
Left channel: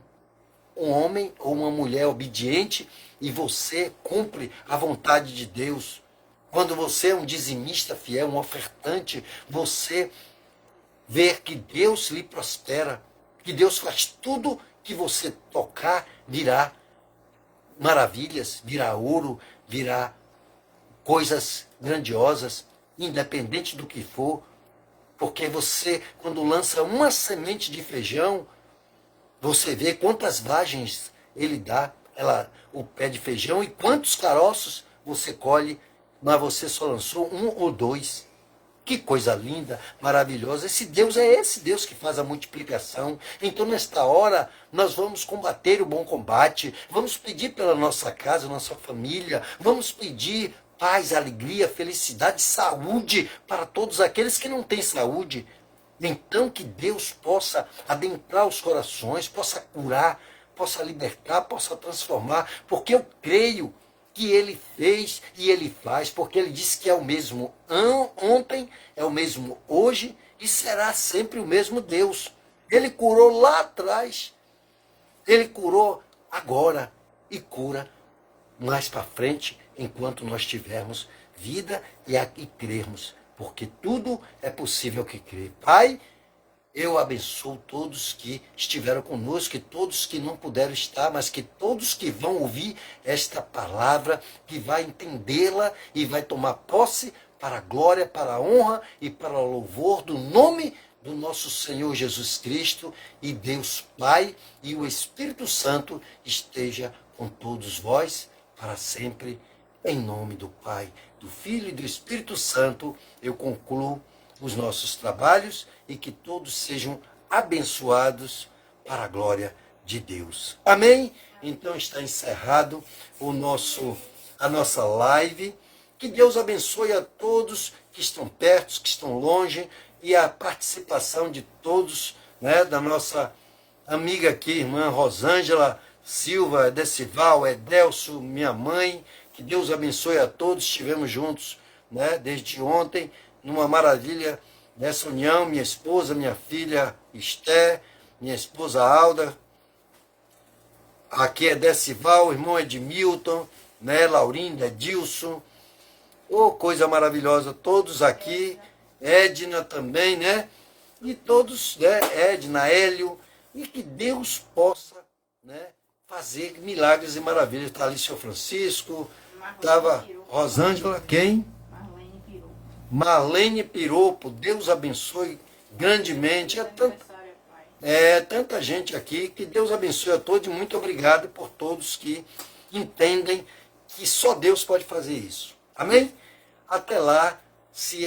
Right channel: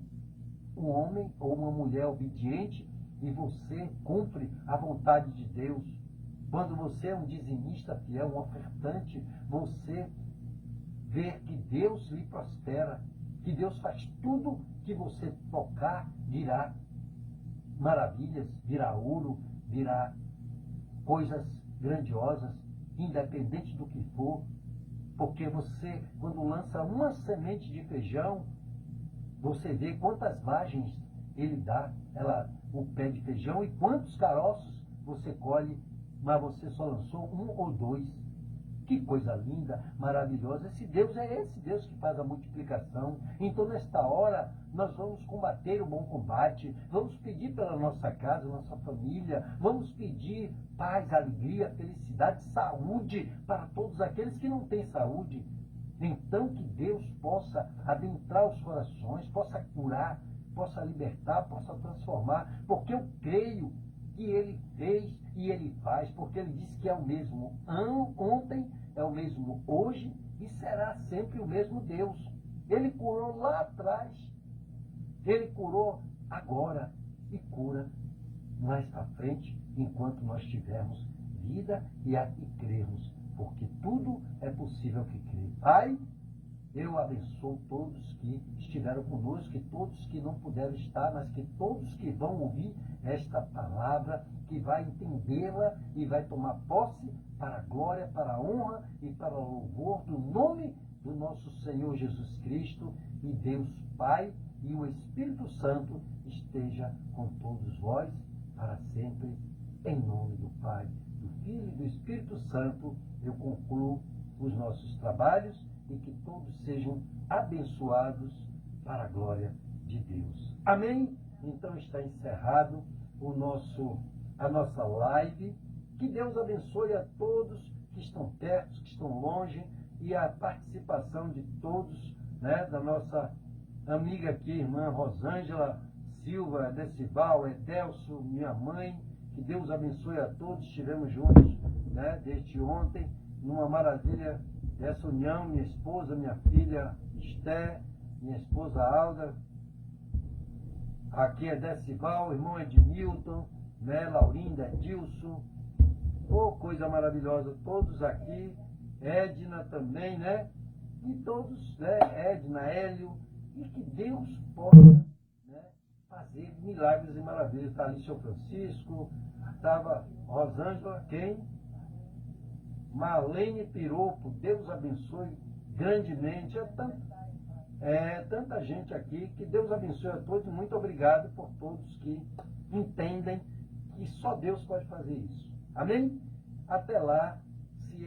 homem ou uma mulher obediente e você cumpre a vontade de Deus. Quando você é um dizimista fiel, um ofertante, você vê que Deus lhe prospera, que Deus faz tudo que você tocar, virá maravilhas, virá ouro, virá coisas grandiosas, independente do que for, porque você, quando lança uma semente de feijão, Você vê quantas vagens ele dá, o pé de feijão, e quantos caroços você colhe, mas você só lançou um ou dois. Que coisa linda, maravilhosa. Esse Deus que faz a multiplicação. Então, nesta hora, nós vamos combater o bom combate, vamos pedir pela nossa casa, nossa família, vamos pedir paz, alegria, felicidade, saúde para todos aqueles que não têm saúde. Então, que Deus possa adentrar os corações, possa curar, possa libertar, possa transformar, porque eu creio que ele fez e ele faz, porque ele disse que é o mesmo ontem, é o mesmo hoje e será sempre o mesmo Deus. Ele curou lá atrás, ele curou agora e cura mais para frente, enquanto nós tivermos vida e crermos, porque tudo é possível que crê. Pai, eu abençoo todos que estiveram conosco, e todos que não puderam estar, mas que todos que vão ouvir esta palavra, que vai entendê-la e vai tomar posse para a glória, para a honra e para o louvor do nome do nosso Senhor Jesus Cristo, e Deus Pai e o Espírito Santo esteja com todos vós para sempre, em nome do Pai, do Filho e do Espírito Santo. Eu concluo os nossos trabalhos e que todos sejam abençoados para a glória de Deus. Amém? Então está encerrado a nossa live. Que Deus abençoe a todos que estão perto, que estão longe, e a participação de todos, né, da nossa amiga aqui, irmã Rosângela Silva, Decival, Edelso, minha mãe. Que Deus abençoe a todos. Estivemos juntos, né, desde ontem, numa maravilha, nessa união, minha esposa, minha filha Esther, minha esposa Alda, aqui é Decival, o irmão Edmilton, né, Laurinda, Edilson, oh, coisa maravilhosa, todos aqui, Edna também, né, e todos, né, Edna, Hélio, e que Deus possa, né, fazer milagres e maravilhas. Está ali o senhor Francisco, estava Rosângela, quem? Marlene Piropo, Deus abençoe grandemente. Tanta gente aqui, que Deus abençoe a todos, e muito obrigado por todos que entendem que só Deus pode fazer isso. Amém? Até lá, se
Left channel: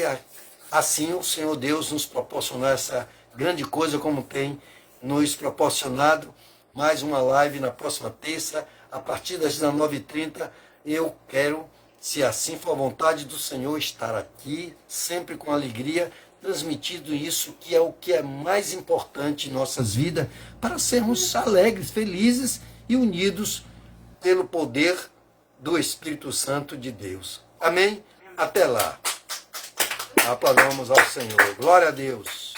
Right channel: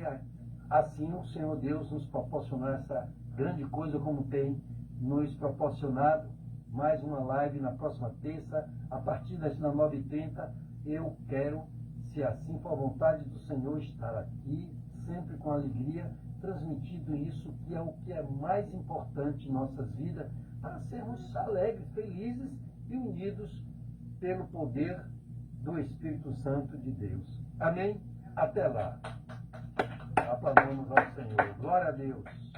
assim o Senhor Deus nos proporcionar essa grande coisa como tem nos proporcionado, mais uma live na próxima terça, a partir das 19h30, eu quero, se assim for a vontade do Senhor, estar aqui, sempre com alegria, transmitindo isso, que é o que é mais importante em nossas vidas, para sermos alegres, felizes e unidos pelo poder do Espírito Santo de Deus. Amém? Até lá. Aplaudamos ao Senhor. Glória a Deus.